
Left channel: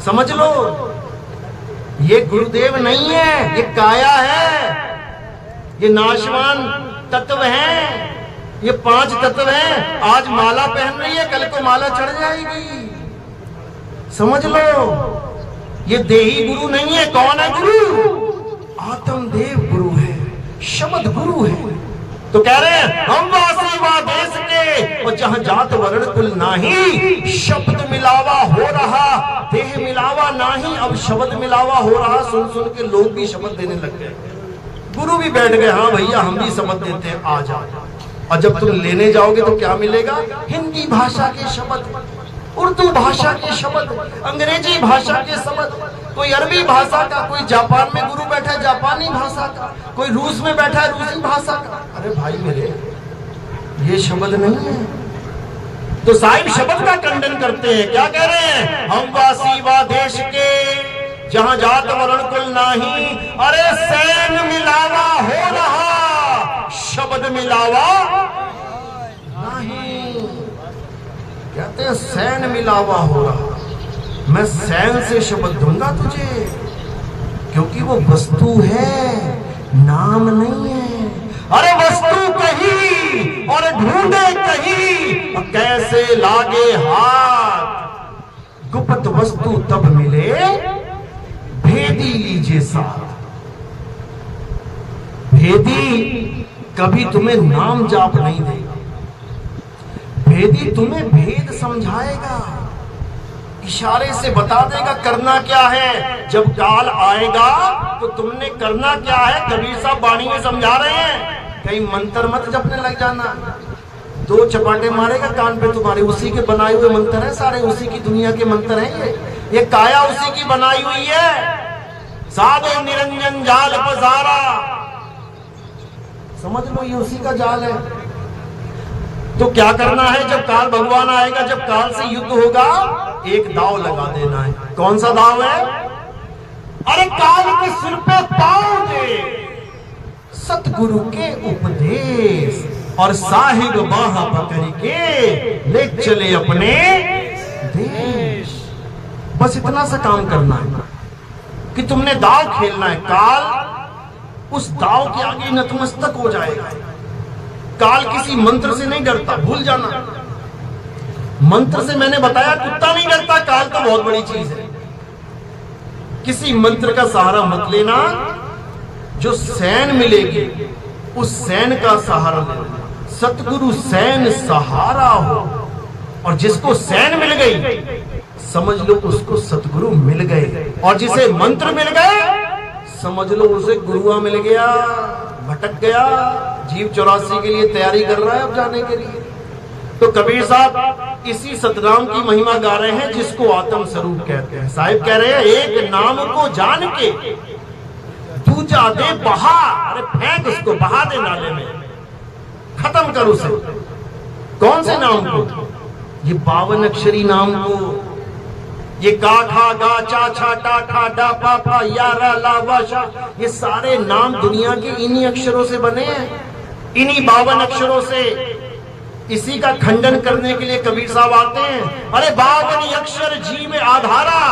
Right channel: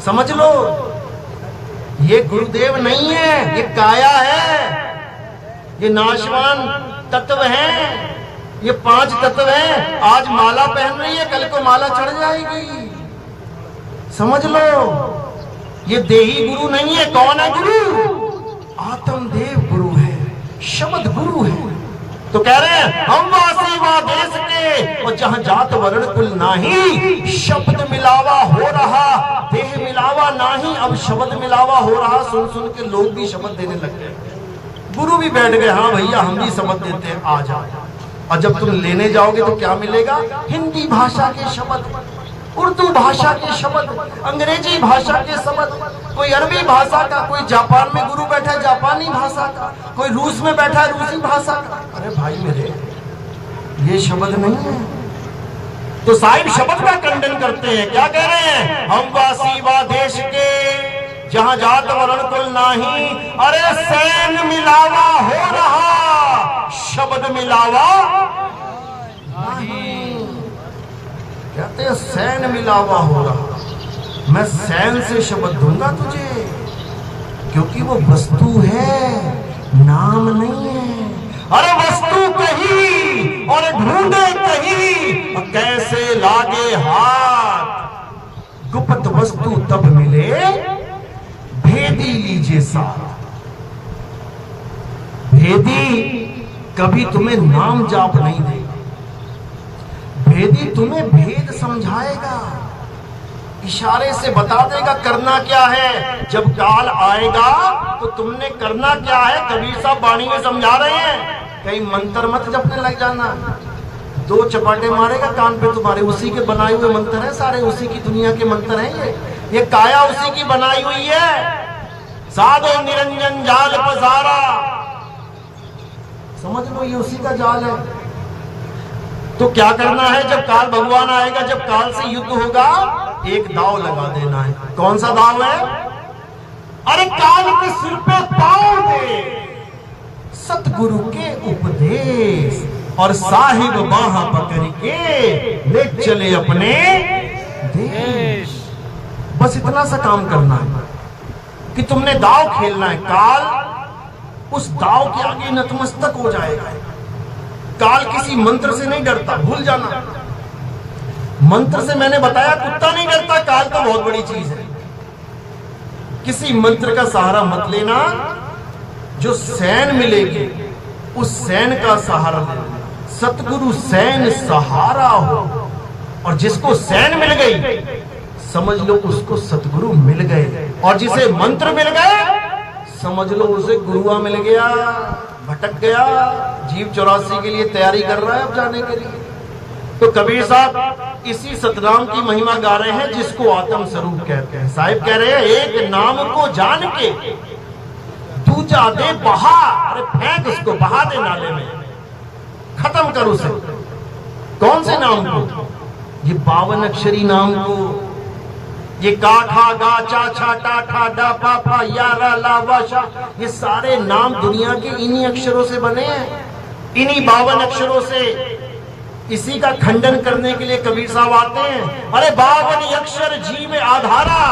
समझ लो, ये गुरुदेव नहीं है, ये काया है, ये नाशवान तत्व है, ये 5 तत्व हैं। आज माला पहन रही है, कल को माला चढ़ जाएगी। समझ लो, ये देही गुरु नहीं है। कौन है गुरु? आत्मदेव गुरु है, शब्द गुरु है। तो कह रहे हैं हम वासी वा देश के, और जहां जात वर्ण कुल नाही, शब्द मिलावा हो रहा, देह मिलावा नाही। अब शब्द मिलावा हो रहा, सुन सुन के लोग भी शब्द देने लग गए। गुरु भी बैठ गए, हाँ भैया हम भी शब्द देते हैं, आ जाओ। और जब तुम लेने जाओगे तो क्या मिलेगा? हिंदी भाषा के शब्द, उर्दू भाषा के शब्द, अंग्रेजी भाषा के शब्द, कोई अरबी भाषा का, कोई जापान में गुरु बैठा है जापानी भाषा का, कोई रूस में बैठा है रूसी भाषा का। अरे भाई मेरे, ये शब्द नहीं है। तो साहिब शब्द का खंडन करते हैं। क्या कह रहे हैं? हम वासी वा देश के, जहां जात वर्ण कुल नाही, अरे सैन मिलावा हो रहा, शब्द मिलावा नहीं। कहते हैं सैन मिलावा हो रहा, मैं सैन से शब्द दूंगा तुझे, क्योंकि वो वस्तु है, नाम नहीं है। अरे वस्तु कहीं और ढूंढे कहीं, कैसे लागे हाथ, गुप्त वस्तु तब मिले, भेदी लीजिए साथ। भेदी कभी तुम्हें नाम जाप नहीं देगा, भेदी तुम्हें भेद समझाएगा, इशारे से बता देगा करना क्या है। जब काल आएगा तो तुमने करना क्या है, कबीर साहब वाणी में समझा रहे हैं। कहीं मंत्र मत जपने लग जाना, दो चपाटे मारेगा कान पे तुम्हारे, उसी के बनाए हुए मंत्र हैं सारे, उसी की दुनिया के मंत्र हैं ये काया उसी की बनाई हुई है। साधो निरंजन जाल पसारा, समझ लो ये उसी का जाल है। तो क्या करना है, जब काल भगवान आएगा, जब काल से युद्ध होगा, एक दाव लगा देना है। कौन सा दाव है? अरे काल के सिर पे पांव दे, सतगुरु के उपदेश, और साहिब बाह पकड़ के ले चले अपने देश। बस इतना सा काम करना है कि तुमने दाव खेलना है। काल उस दाव के आगे नतमस्तक हो जाएगा। काल किसी मंत्र से नहीं डरता, भूल जाना। मंत्र से मैंने बताया कुत्ता नहीं डरता, काल तो बहुत बड़ी चीज है। किसी मंत्र का सहारा मत लेना, जो सैन मिलेगी उस सैन का सहारा लेना। सतगुरु सैन सहारा हो, और जिसको सैन मिल गई समझ लो उसको सतगुरु मिल गए, और जिसे मंत्र मिल गए समझ लो उसे गुरुआ मिल गया। भटक गया, जीव 84 के लिए तैयारी कर रहा है अब जाने के लिए। तो कबीर साहब इसी सतनाम की महिमा गा रहे हैं, जिसको आत्म स्वरूप कहते हैं। साहिब कह रहे हैं एक नाम को जान के दूजा दे बहा, अरे फेंक उसको, बहा दे नाले में, खत्म कर उसे। कौन से नाम को? ये 52 अक्षरी नाम को। ये का खा गा चा छा टा ठा डा पा फा या रा ला वा शा, ये सारे नाम दुनिया के इन्हीं अक्षरों से बने हैं, इन्हीं 52 अक्षरों से। इसी का खंडन करने के लिए कबीर साहब आते हैं। अरे 52 अक्षर जीव आधारा,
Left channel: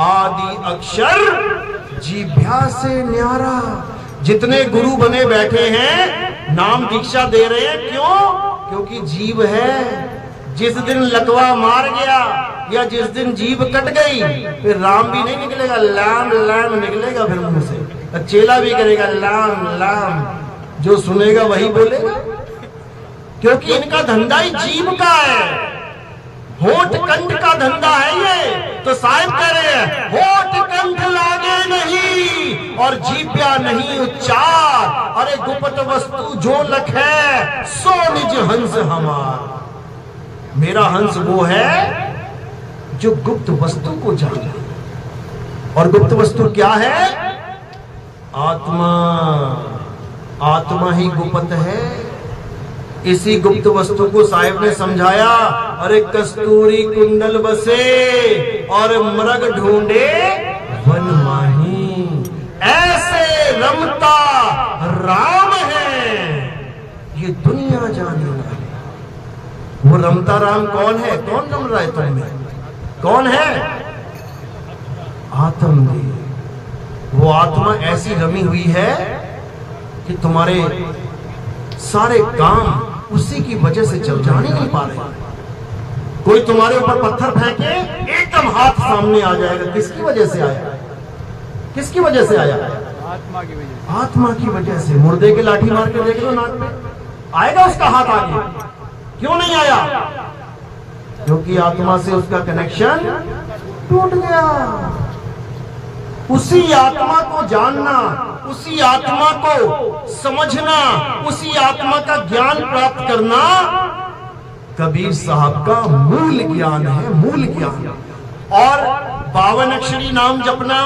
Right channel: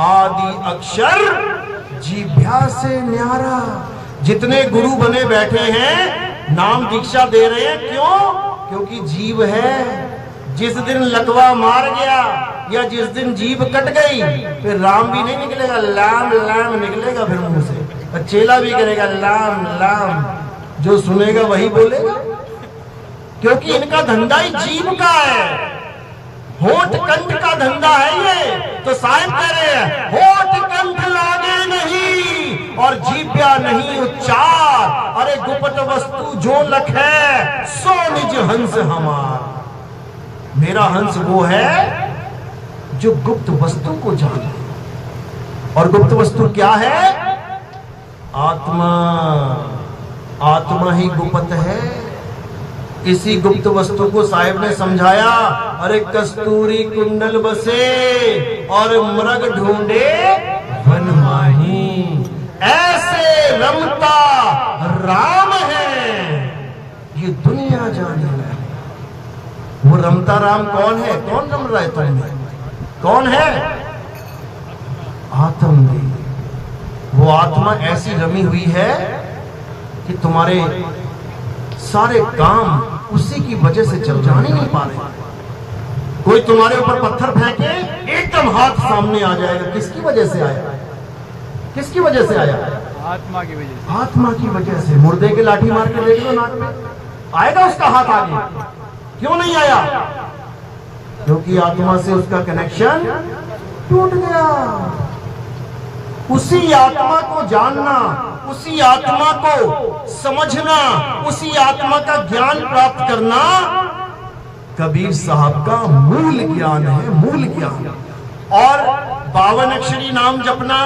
आदि अक्षर जीभ्या से न्यारा। जितने गुरु बने बैठे हैं नाम दीक्षा दे रहे हैं, क्यों? क्योंकि जीव है। जिस दिन लकवा मार गया या जिस दिन जीभ कट गई, फिर राम भी नहीं निकलेगा, लाम लाम निकलेगा फिर मुंह से। और चेला भी करेगा लाम लाम, जो सुनेगा वही बोलेगा, क्योंकि इनका धंधा ही जीभ का है, होठ कंठ का धंधा है ये। तो साहिब कह रहे हैं होठ कंठ लागे नहीं और जीभ्या नहीं उच्चार, अरे गुप्त वस्तु जो लखे सो निज हंस हमार। मेरा हंस वो है जो गुप्त वस्तु को जाना। और गुप्त वस्तु क्या है? आत्मा। आत्मा ही गुप्त है। इसी गुप्त वस्तु को साहिब ने समझाया। अरे कस्तूरी कुंडल बसे और मृग ढूंढे वन माही, ऐसे रमता राम है ये दुनिया जाने। वो रमता राम कौन है? कौन रम रहा है तुमने? कौन है? आत्मा। वो आत्मा ऐसी रमी हुई है कि तुम्हारे सारे काम उसी की वजह से चल जाने नहीं पा रहे। कोई तुम्हारे ऊपर पत्थर फेंके, एकदम हाथ सामने आ जाएगा। किसकी वजह से आया? किसकी वजह से आया? आत्मा की वजह से। आत्मा की वजह से। मुर्दे के लाठी मार के देख लो नाक में, आएगा उसका हाथ आगे? क्यों नहीं आया? क्योंकि आत्मा से उसका कनेक्शन टूट गया। उसी आत्मा को जानना, उसी आत्मा को समझना, उसी आत्मा का ज्ञान प्राप्त करना कबीर साहब का मूल ज्ञान है, मूल ज्ञान। और 52 अक्षरी नाम जपना,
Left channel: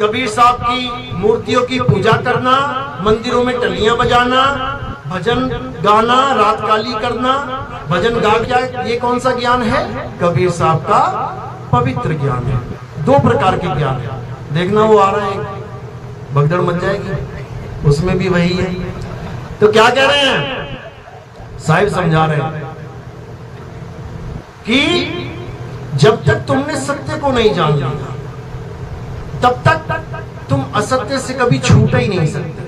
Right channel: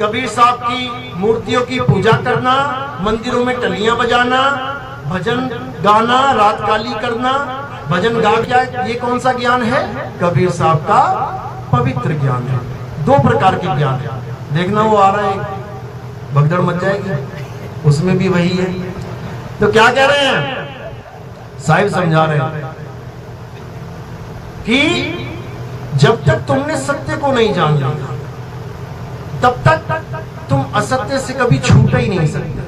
कबीर साहब की मूर्तियों की पूजा करना, मंदिरों में टलियां बजाना, भजन गाना, रात काली करना, भजन गा क्या, ये कौन सा ज्ञान है? कबीर साहब का पवित्र ज्ञान है। दो प्रकार के ज्ञान है। देखना वो आ रहा है, भगदड़ मच जाएगी, उसमें भी वही है। तो क्या कह रहे हैं साहिब, समझा रहे हैं कि जब तक तुमने सत्य को नहीं जान लिया तब तक तुम असत्य से कभी छूट ही नहीं सकते,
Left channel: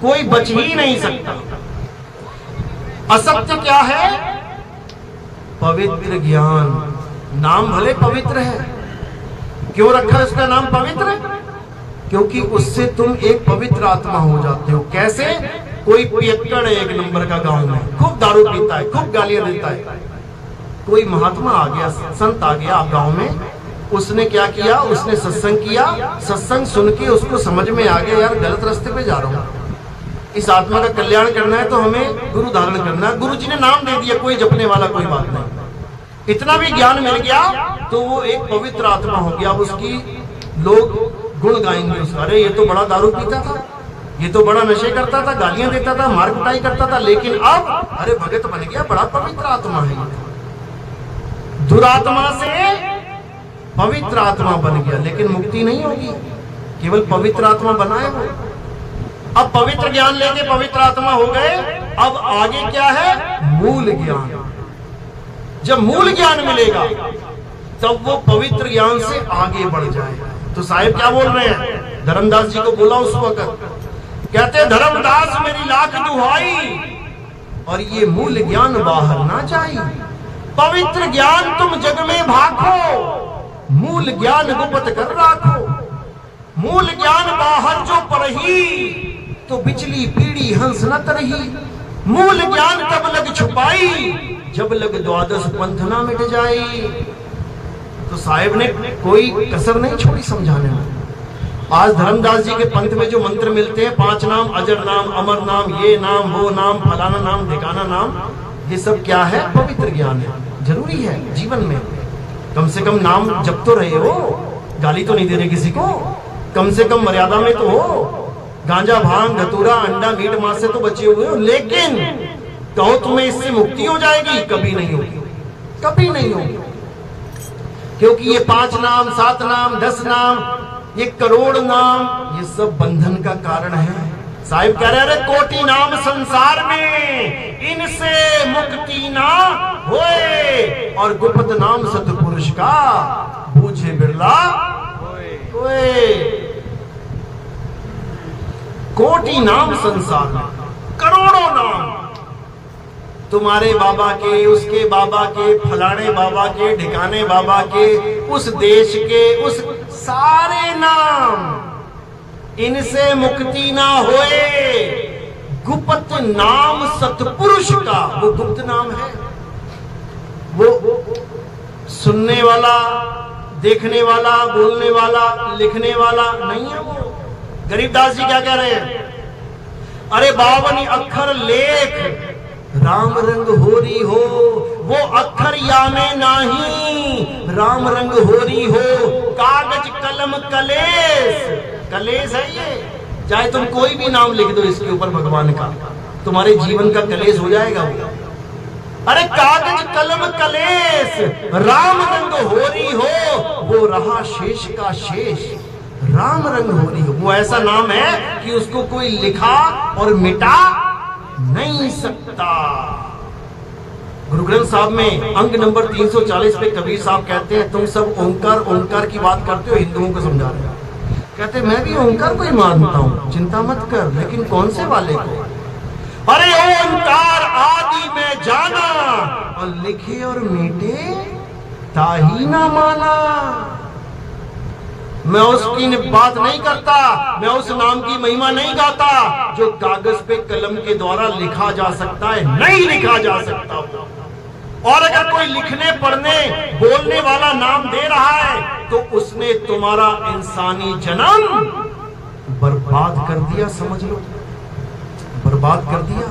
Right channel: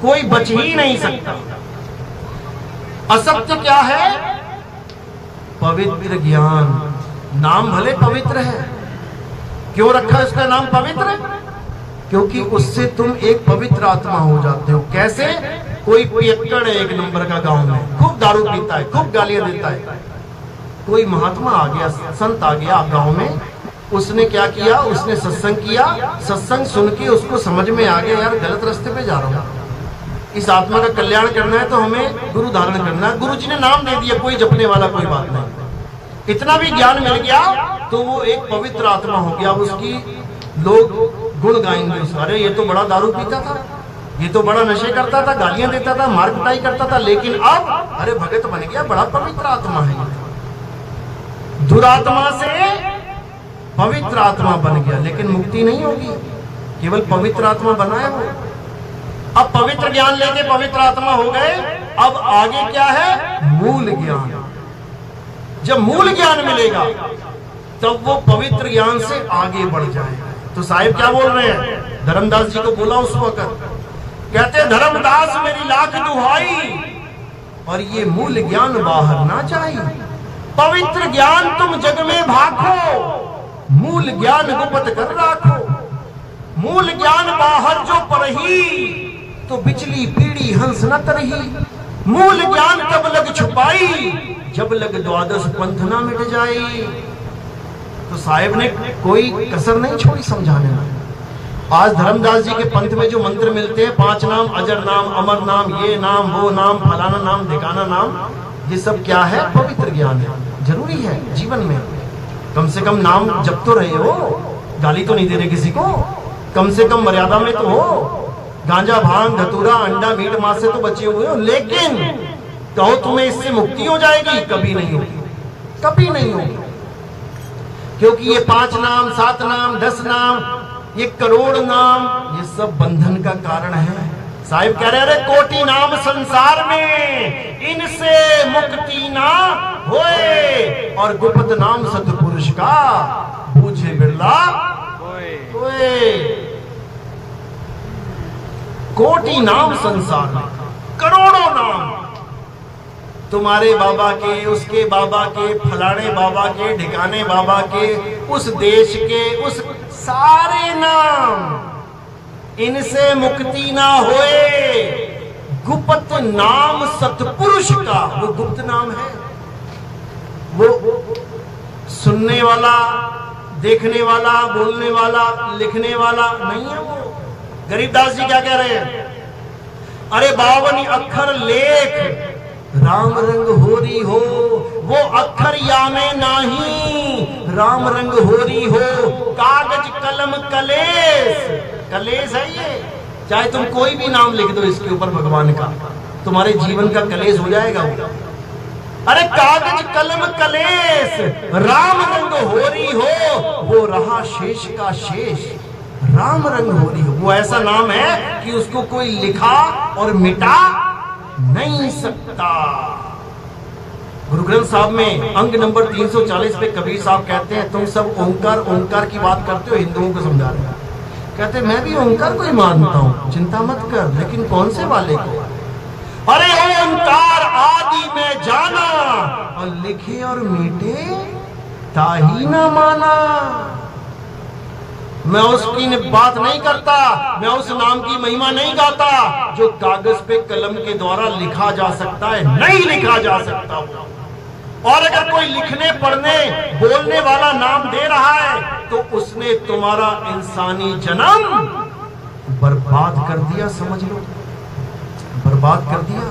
कोई बच ही नहीं सकता। असत्य क्या है? पवित्र ज्ञान। नाम भले पवित्र है, क्यों रखा है उसका नाम पवित्र? क्योंकि उससे तुम एक पवित्र आत्मा हो जाते हो। कैसे? कोई पियक्कड़ है एक नंबर का गांव में, खूब दारू पीता है, खूब गालियां देता है। कोई महात्मा आ गया, संत आ गया गांव में, उसने क्या किया? उसने सत्संग किया। सत्संग सुन के उसको समझ में आ गया, यार गलत रास्ते पे जा रहा हूं, इस आत्मा का कल्याण करना है तो हमें गुरु धारण करना है। गुरु जी ने नाम दे दिया, कोई जपने वाला कोई बात नहीं। इतना भी ज्ञान मिल गया तो वो एक पवित्र आत्मा हो गया। अब उसकी लोग गुण गाएंगे, अरे ये तो बड़ा दारू पीता था, ये तो बड़ा नशे करता था, गालियां देता था, मार कुटाई करता था, लेकिन अब अरे भगत बन गया, बड़ा पवित्र आत्मा है। दुरात्मा से पवित्र आत्मा बन गया, लेकिन मुक्ति नहीं होगी, केवल पवित्र आत्मा बना है वो। अब पवित्र ज्ञान लेके पवित्र आत्मा हो गए, अब आगे क्या है? मूल ज्ञान। जब मूल ज्ञान मिलेगा तब वो पवित्र ज्ञान से आगे बढ़ जाएगा। तो साहिब क्या बोल रहे हैं? धर्मदास जी को बोला उस वक्त, कहते धर्मदास मेरी लाख दुहाई और ये मूल ज्ञान बाहर ना जाए। पवित्र ज्ञान तुम जग में भाखो, मूल ज्ञान गुप्त कर राखो। मूल ज्ञान बाहर जो पढ़ी तो बिचली पीढ़ी हंस न तरही। मूल ज्ञान तब लग छुपाई जब लग द्वादश पंथ ना मिट जाई। तो साहिब ने कोई कसर नहीं छोड़ी समझाने में। आज धर्मदास जी के पंथ में जो मंत्र मिलते हैं, 5 नाम, अजर नाम, अमर नाम, ये नाम, वो नाम, फलाना नाम, ठिकाना नाम, ये सब क्या है? पवित्र ज्ञान है। जरूरी है जीवन में, कम से कम नाम जप तो रहे हो, गाली तो नहीं दे रहे किसी को, कम से कम मर्यादा में तो हो। गांजा, भांग, धतूरा, अंडा, मीट, मांस से तो बचे हुए हो, लेकिन कहो तुम्हें इससे मुक्ति हो जाएगी? कभी नहीं होगी, कभी नहीं होगी। क्योंकि ये 5 नाम, 7 नाम, 10 नाम, ये करोड़ नाम, ये सब बंधन का कारण है। साहिब कह रहे कोटि नाम संसार में, इनसे मुक्ति ना होए, और गुप्त नाम सतपुरुष का पूछे बिरला होए। कोटि नाम संसार में, करोड़ों नाम, तुम्हारे बाबा के, उसके बाबा के, फलाने बाबा के, ढिकाने बाबा के, उस देश के, उस सारे नाम, इनसे मुक्ति ना होए। गुप्त नाम सतपुरुष का, वो गुप्त नाम है, वो सुनने वाला, देखने वाला, बोलने वाला, लिखने वाला नहीं है। वो गरीबदास जी क्या कह रहे हैं? अरे 52 अक्षर लेख राम रंग होरी हो, वो अक्षर या में नाही राम रंग होरी हो। कागज कलम कलेश, कलेश है ये, चाहे तुम कोई भी नाम लिख दो इसके ऊपर भगवान का, तुम्हारे जीवन का कलेश हो जाएगा वो। अरे कागज कलम कलेश राम रंग होरी हो, वो रहा शेष का शेष राम रंग होरी हो। वो ऐसा नाम है कि उसको कोई लिखा और मिटा नहीं सकता। गुरु ग्रंथ साहब में अंग नंबर 340 पे कबीर साहब कहते हैं, तुम सब ओंकार ओंकार की बात करते हो, हिंदुओं को समझा रहे हैं। कहते मैं भी ओंकार को ही मानता हूं, चिंता मत कर, लेकिन कौन से वाले को? अरे ओंकार आदि में जाना, और लिखे और मीटे ताही ना माना। मैं उसकी बात नहीं करता, मैं उस नाम की महिमा नहीं गाता जो कागज पे कलम के द्वारा लिखा जा सकता है, नहीं लिखा जा सकता। और अगर कोई लिखने, पढ़ने, बोलने वाला नाम दे रहा है तो उसने तुम्हारा इंसानी जन्म बर्बाद कर दिया, समझ लो, बर्बाद कर दिया।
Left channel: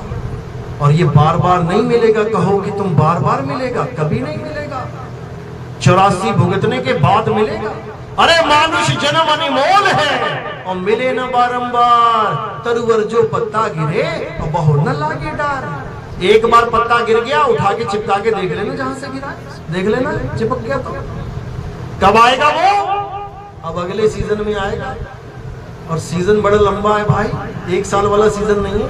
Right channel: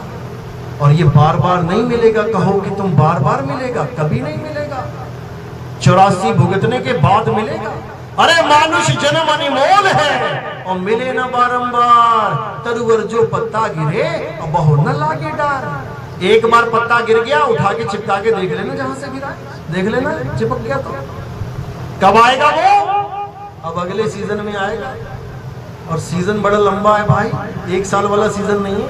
और ये बार बार नहीं मिलेगा। कहो कि तुम बार बार मिलेगा, कभी नहीं मिलेगा, 84 भुगतने के बाद मिलेगा। अरे मानुष जन्म अनमोल है और मिले न बारंबार, तरुवर जो पत्ता गिरे और बहु न लागे डार। एक बार पत्ता गिर गया, उठा के चिपका के देख लेना, जहां से गिरा देख लेना, चिपक गया तो कब आएगा वो? अब अगले सीजन में आएगा, और सीजन बड़ा लंबा है भाई, 1 साल वाला सीजन नहीं है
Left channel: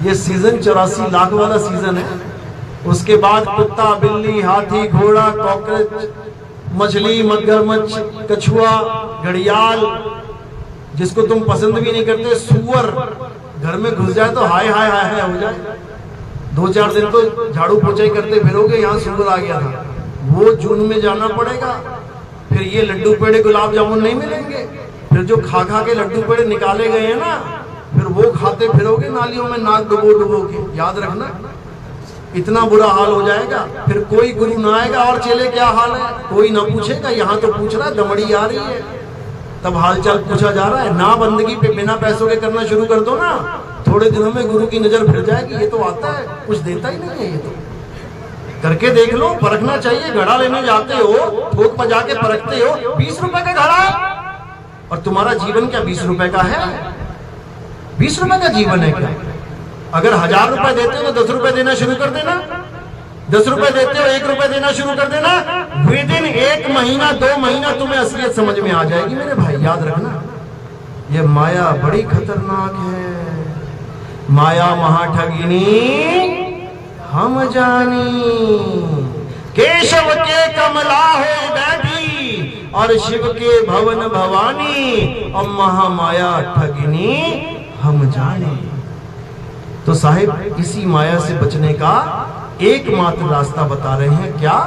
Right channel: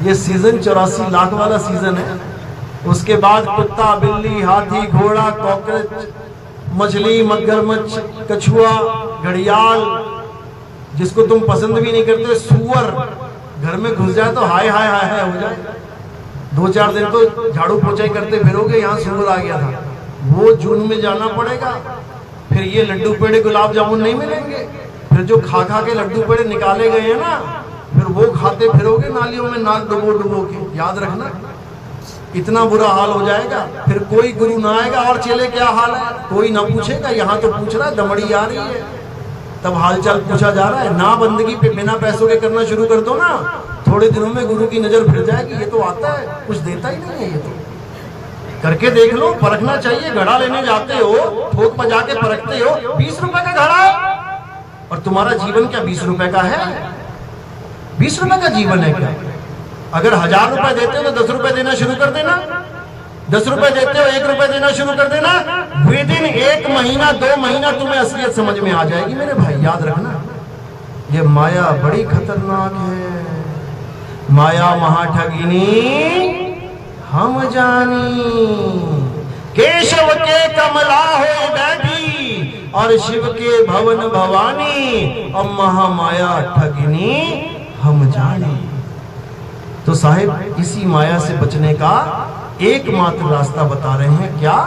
ये, सीजन 84 लाख वाला सीजन है। उसके बाद कुत्ता, बिल्ली, हाथी, घोड़ा, कॉकरोच, मछली, मगरमच्छ, कछुआ, घड़ियाल, जिसको तुम पसंद भी नहीं करते, सूअर घर में घुस जाए तो हाय हाय हाय हाय हो जाए। 2-4 दिन तो झाड़ू पोछाई करते फिरोगे, यहाँ सूअर आ गया था, वो जून में जाना पड़ेगा। फिर ये लड्डू पेड़े, गुलाब जामुन नहीं मिलेंगे। फिर जो खा खा के लड्डू पेड़े निकाले गए हैं ना, फिर वो खाते फिरोगे नालियों में नाक डुबो डुबो के। याद रखना, इतना बुरा हाल हो जाएगा। फिर कोई गुरु ना आएगा, और चेले क्या हाल है कोई ना पूछेगा। यहाँ तो पूछ रहा है, दमड़ी आ रही है तब हालचाल पूछा जा रहा है। ना बंदगी पे बिना पैसों के करना शुरू कर दो ना, थोड़े दिनों में गुरु की नजर फिर जाएगी। ये तो आता है, कुछ देता ही नहीं है। ये तो करके देख लो, परखना चाहिए। घड़ा लेने जाते हो, ठोक बजा के परखते हो, 20 रुपए का घड़ा है, और तुम्हारा जीवन क्या 20 रुपए का है? 20 रुपए का जीवन है क्या? अगर 1000 रुपए देते हो तो 10 रुपए देना शुरू कर देना। 10 रुपए देते हो, 1 रुपए देना शुरू कर देना। विद इन 1 महीना 2 महीना तुम्हें असलियत समझ में आ जाएगी मेरे भाई। याद रखना, ये माया बड़ी खतरनाक है। माया महाठगिनी हम जानी, केशव के कमला हो बैठी, और शिव के भवन भवानी, और महामाया ठगिनी हम जानी। तो साहिब, इसी माया से बचने का एकमात्र रास्ता बता रहे हैं। क्या?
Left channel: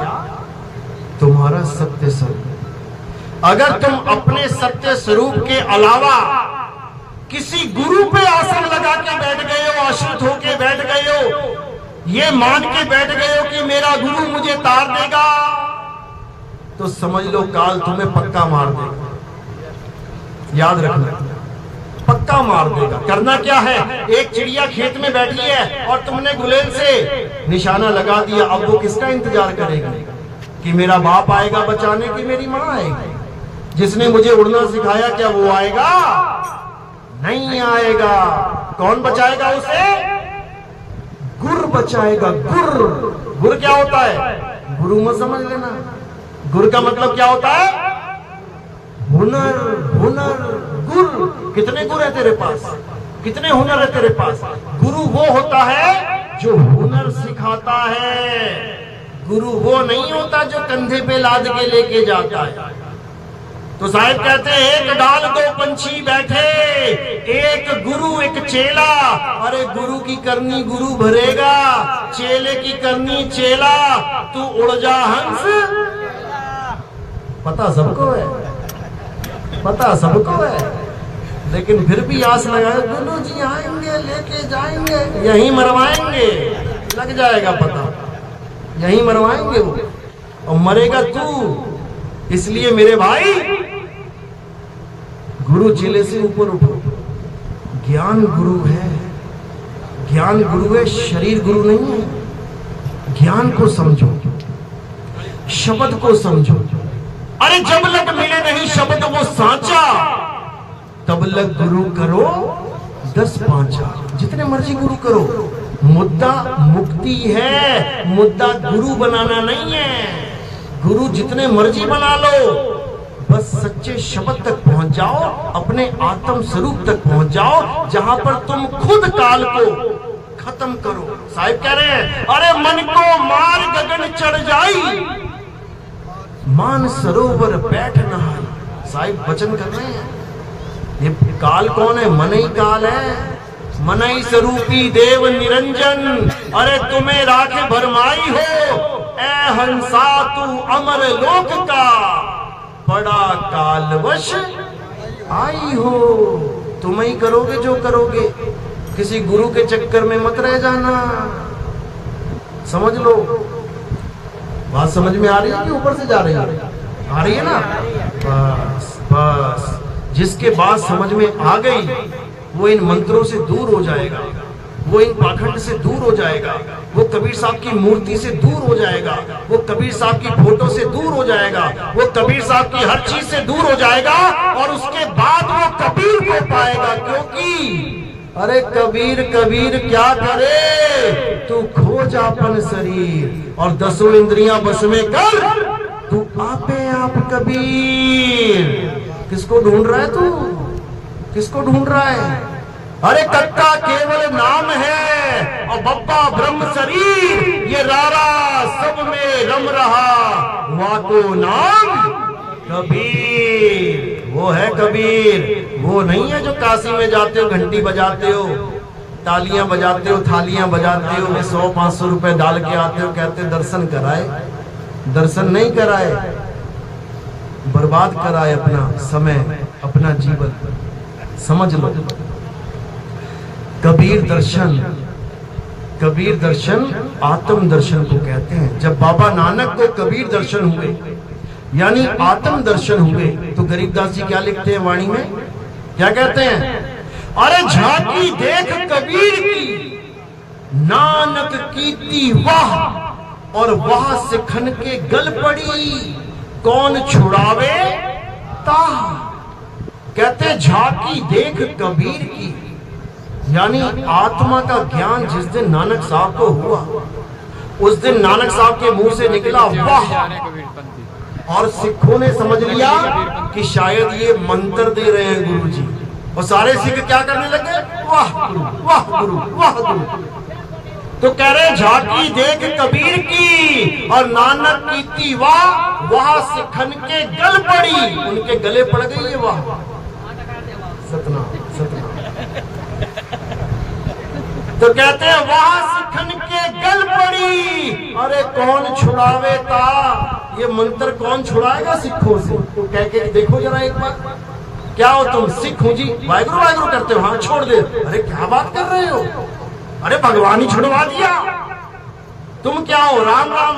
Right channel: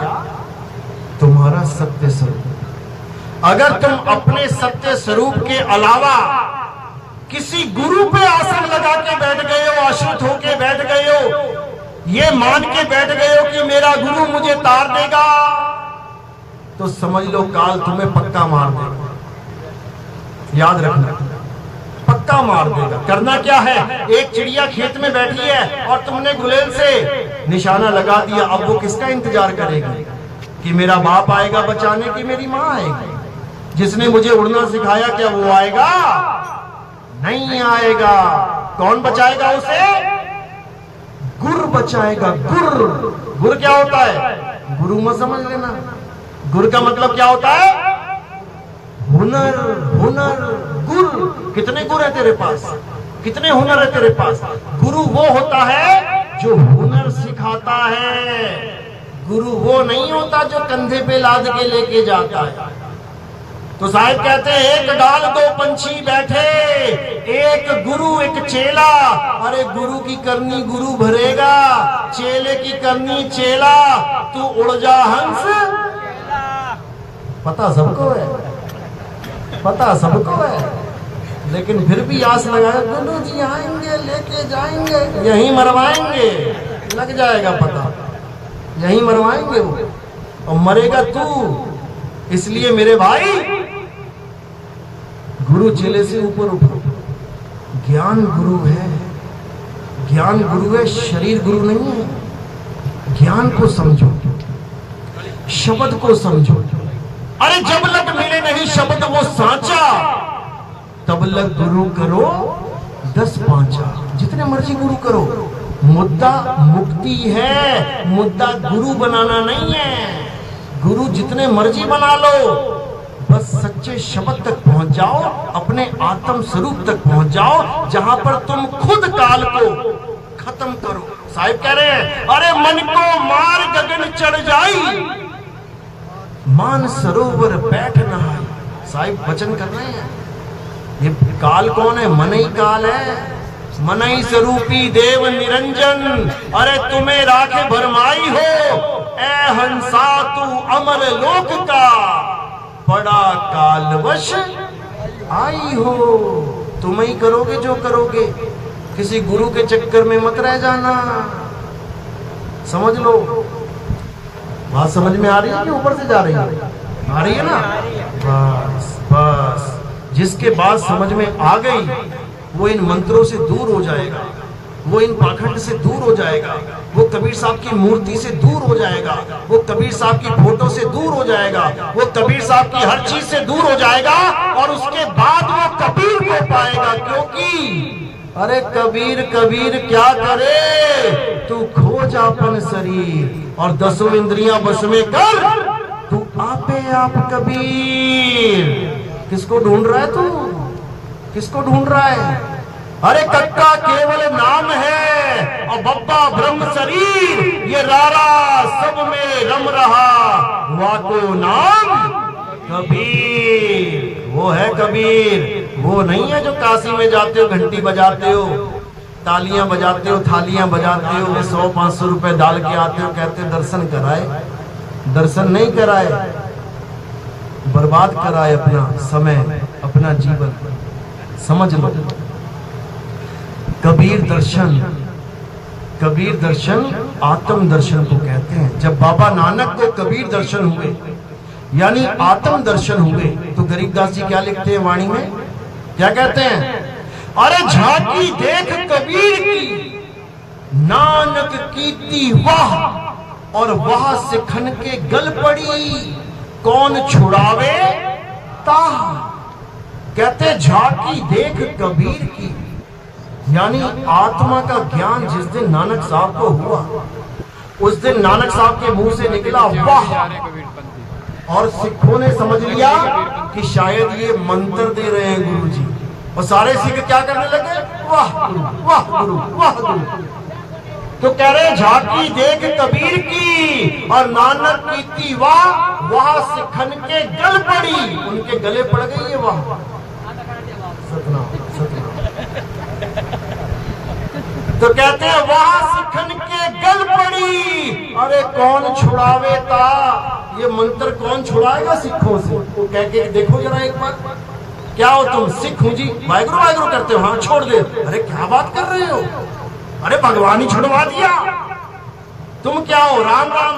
तुम्हारा सत्य स्वरूप। अगर तुम अपने सत्य स्वरूप के अलावा किसी गुरु पे आसन लगा के बैठ गए हो, आश्रित होके बैठ गए हो, ये मान के बैठ गए हो कि मेरा गुरु मुझे तार देगा, तो समझ लो काल तुम्हें पक्का मार देगा। याद रखना, पक्का मार देगा। करना क्या है? एक चिड़िया खेत में बैठी है और तुमने गुलेल से निशाना लगा दिया। अब वो किसका इंतजार करेगी? कि मेरा बाप आएगा बचाने, की मेरी माँ आएगी? जिसने मुझे उड़ना सिखाया, क्या वो आएगा? नहीं आएगा। कौन बचाएगा उसे? गुर बचाएगा। गुर। गुर क्या होता है? गुरु मत समझ लेना। गुर का मतलब क्या होता है? हुनर। हुनर। गुर। कितने गुर है तेरे पास? कितने हुनर है तेरे पास? गुरु वो होता है जो हुनर सिखाता है। गुरु वो नहीं होता जो कंधे पे लाद के लेके जाता है। तो साहिब कहते हैं, एक डाल 2 पंछी बैठे, एक गुरु एक चेला। अरे गुरु की करनी गुरु भरेगा, चेले की करनी चेला। तू उड़ जा हंस। पता सबको है, पता सबको है, लेकिन फिर भी आस लगाए, गुरु जी आएंगे लेके जाएंगे, यहीं मरवाएंगे। लग जाएगा पता, यहीं मरवाएंगे वो, और मरेगा तू। इसलिए मेरे भाई, गुरु चेले से ऊपर उठो। ज्ञान गुरु है, ज्ञान गुरु है, शरीर गुरु नहीं है। ज्ञान को समझो, शब्द को समझो। अरे जब लग मिले नहीं शब्द वो सांचा, तब लग गुरु करो 10 पांचा। जितने मर्जी गुरु करो, मुद्दा मुक्ति है, मुद्दा गुरु बनाना नहीं है। गुरु जितने मर्जी बना लो, बस सच्चे शब्द तक पहुंच जाओ, अपने आत्म स्वरूप तक पहुंच जाओ, जहां पर तुम खुद काल को खत्म करो। साहिब कह रहे हैं, अरे मन को मार गगन चढ़ जाई, मान सरोवर बैठ नहाई। साहिब वचन कर रहे हैं, ये काल कौन है? मन ही काल है। मन ही स्वरूपी देव निरंजन, अरे तुम्हें राखे भरमाई हो, ए हंसा तू अमर लोक का, बड़ा कालवश आई हो। तुम ही करोगे जो करोगे, किसी गुरु के चक्कर में मत रह जाना। समझ लो, बात समझ में आ रही है कि ऊपर से जा रही है? आ रही है ना? बस बस, जिसके बात समझ में आ गई वो इन मंत्रों से दूर हो जाएगा, वो इन पाखंड से दूर हो जाएगा, वो कबीर साहब की मूर्ति से दूर हो जाएगा, वो कबीर साहब की फोटो से दूर हो जाएगा, वो कबीर साहब की हर चीज से दूर हो जाएगा, और उसके बाद वो कबीर को पाएगा। क्योंकि अरे कबीर कबीर क्या करे, तू खोज अपन शरीर और 10 इंद्रियां बस में कर, तू आपे आप कबीर। किसको ढूंढ रहा है तू? किसको ढूंढ रहा है? अरे कक्का केवल नाम है और बब्बा ब्रह्म शरीर, ये रारा सब में रम रहा, हुआ को नाम कबीर। वो है कबीर, वो नहीं है जो काशी में जाते हो, घंटी बजाते हो, तालियां बजाते हो, थालियां बजाते हो, 100-500 रुपए डाल के आते हो, कहते दर्शन कराए। दर्शन नहीं कराए, बर्बाद कराए अपना समय, अपना जीवन। समझ लो, कबीर दर्शन, कबीर दर्शन आत्म दर्शन को कहते हैं। जब बाबा नानक को कबीर दर्शन हुए यानी आत्म दर्शन हुए, तो गरीबदास जी क्या लिखते हैं वाणी में? क्या कहते हैं? अरे झांकी देख कबीर की, नानक कीती वाह, और वाह से खन के गल पड़ी, कौन छुड़ावे ताह। कहते झांकी देख कबीर की, यानी आत्मा का ज्ञान जिस दिन नानक साहब को हुआ, उस दिन नानक साहब के मुंह से निकला वाह, और सिखों ने समझ लिया कि शायद ये मंत्र दे रहे हैं गुरु जी, और सारे सिख क्या करने लगे? वाह गुरु, वाह गुरु, वाह गुरु। तो कह रहे झांकी देख कबीर की और नानक की वाह, वाह सिखन के गल पड़ी, उनके गले पड़ गई ये वाह। सतनाम सतनाम। तो कहते हैं वाह सिखन के गल पड़ी, अरे कौन छुड़ावे ता, ये मंत्र कौन छुड़ाएगा सिखों से? तो कह के देखो जरा एक बार, क्या हो तुम? सिख हो जी, वाहिगुरु वाहिगुरु करते हो, हाँ छोड़ दे। अरे क्या बात कर रहे हो? अरे भगवान ही छुड़वा दिया। तुम क्या हो? राम राम,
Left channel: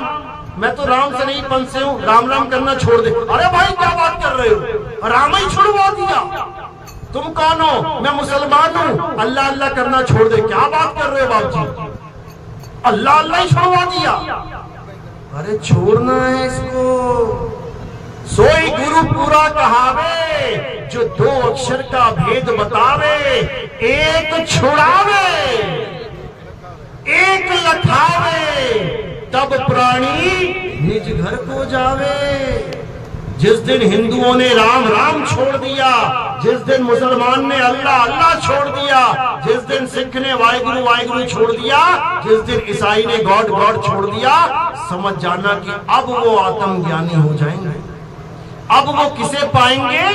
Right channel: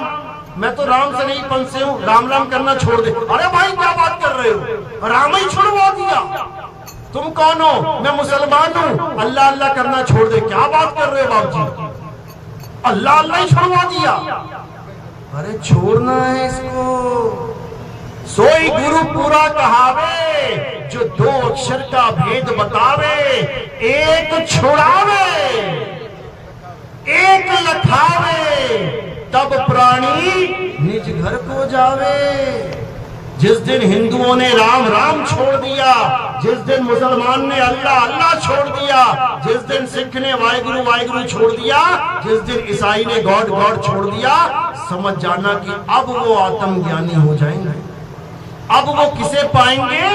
मैं तो राम से नहीं पंथ से हूँ, राम राम करना छोड़ दे। अरे भाई क्या बात कर रहे हो? राम ही छुड़वा दिया। तुम कौन हो? मैं मुसलमान हूँ, अल्लाह अल्लाह करना छोड़ दे। क्या बात कर रहे हो बाबू जी? अल्लाह अल्लाह ही छुड़वा दिया। अरे छोड़ना है इसको। सोई गुरु पूरा कहावे, जो 2 अक्षर का भेद बतावे, एक छुड़ावे एक लखावे, तब प्राणी निज घर को जावे। जिस दिन हिंदुओं ने राम राम छोड़ दिया, जिस दिन मुसलमान ने अल्लाह अल्लाह छोड़ दिया, जिस दिन सिख ने वाहिगुरु वाहिगुरु छोड़ दिया, जिस दिन ईसाई ने गॉड गॉड छोड़ दिया, समझ जाना कि अब वो आत्मज्ञानी हो जाएंगे। अब वो किसे पाएंगे?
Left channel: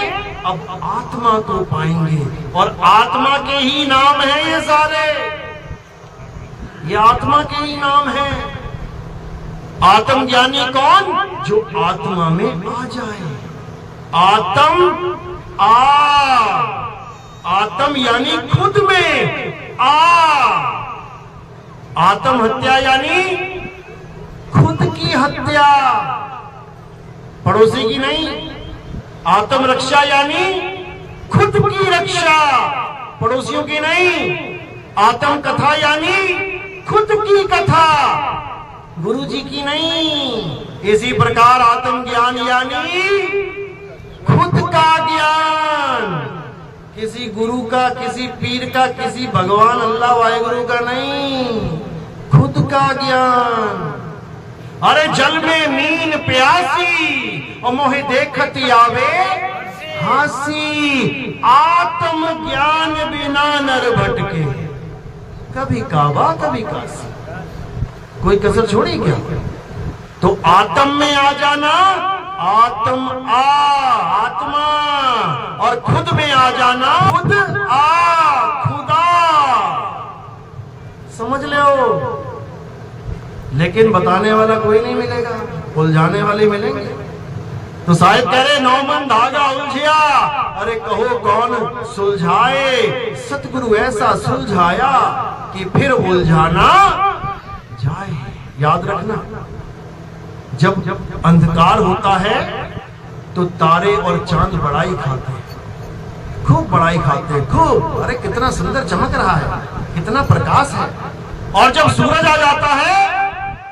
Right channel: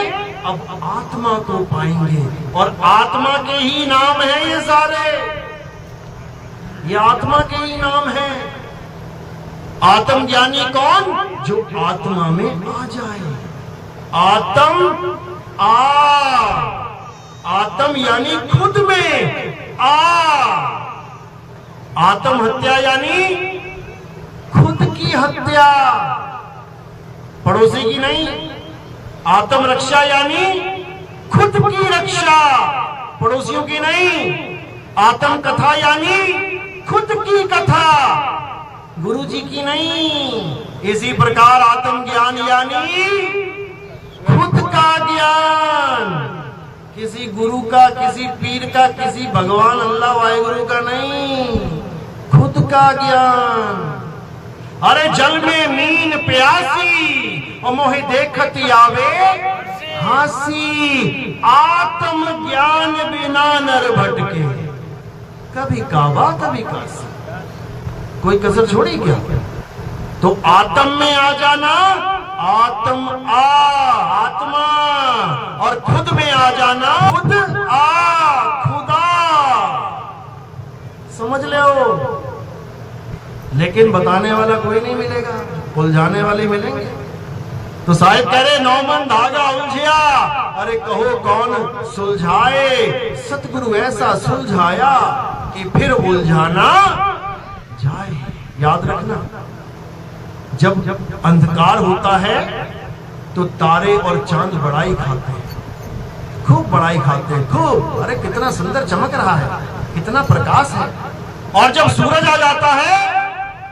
अब आत्मा को पाएंगे, और आत्मा के ही नाम है ये सारे, ये आत्मा के ही नाम है। आत्मज्ञानी कौन? जो आत्मा में आ जाए। आत्म यानी खुद में आ, आत्म हत्या यानी खुद की हत्या, पड़ोसी की नहीं। आत्म रक्षा यानी खुद की रक्षा, पड़ोसियों की नहीं। आत्म कथा यानी खुद की कथा, गुरु जी की नहीं। इसी प्रकार आत्म ज्ञान यानी खुद का ज्ञान, किसी गुरु का, किसी पीर का, किसी भगवान अल्लाह वाहिगुरु का नहीं, खुद का ज्ञान। अरे जल में मीन प्यासी और मोहे देखती आवे हासी, आत्म ज्ञान बिना नर भटके, कभी काबा कभी काशी, कोई कसर छोड़ी क्या? तो आत्म में आ जाना, आत्मा, और खुद में आ जाना, खुद खुदा। समझ ले हो। लेकिन बताने वाला कोई नहीं मिलेगा, उलझाने वाले मिलेंगे। तो साहिब कह रहे 9 मन धागा उलझिया, अरे कहो कौन सुलझाए, सतगुरु ऐसा सुलझाया कि फिर उलझाना जाए। याद रखना, जब अंधकार होता है तो तारे और चांद बड़ाई खाते हैं, खूब बड़ाई खाते हैं, खूब। अरे कितना सुंदर चमक रहा है, कितना प्रकाश है। और जब सूरज आ जाता है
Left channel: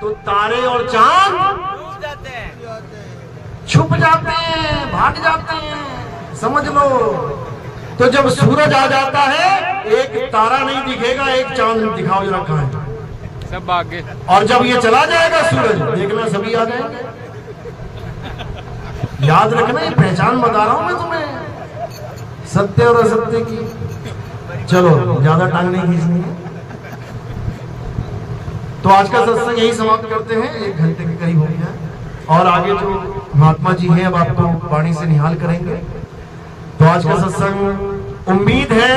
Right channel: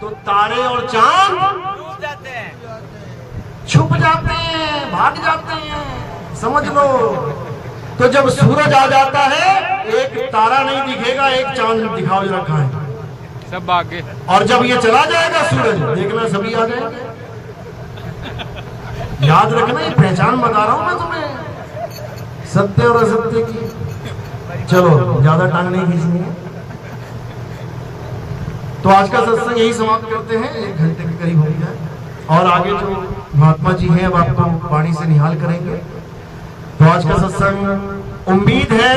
तो तारे और चांद छुप जाते हैं, भाग जाते हैं। समझ लो। तो जब सूरज आ जाता है, एक तारा नहीं दिखेगा, एक चांद दिखाओ जरा कहां है, सब आगे। और जब ये चला जाएगा सूरज, देखना सभी आ जाएंगे। याद रखना, ये पहचान बता रहा हूं मैं तुम्हें। सत्य और असत्य की। चलो ज्यादा टांग नहीं खींचनी है, तो आज का सत्संग यही समाप्त करते हैं, 1 घंटे के करीब हो गया है। और आगे जो महात्मा जी हैं अब आपको वाणी से निहाल करेंगे। तो आज का सत्संग उम्मीद है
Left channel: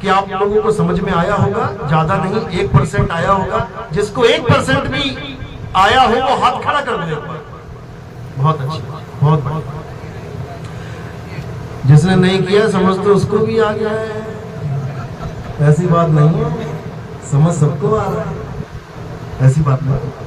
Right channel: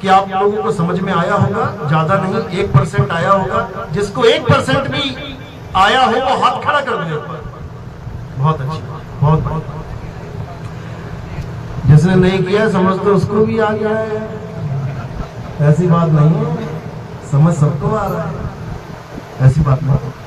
कि आप लोगों को समझ में आया होगा, ज्यादा नहीं 1% आया होगा। जिसको 1% भी आया हो वो हाथ खड़ा कर दे। बहुत अच्छी, बहुत बढ़िया। जिसने नहीं किया समझते उसको भी आ गया है, ऐसी बात नहीं है, समझ सबको आ रहा है, ऐसी बात नहीं।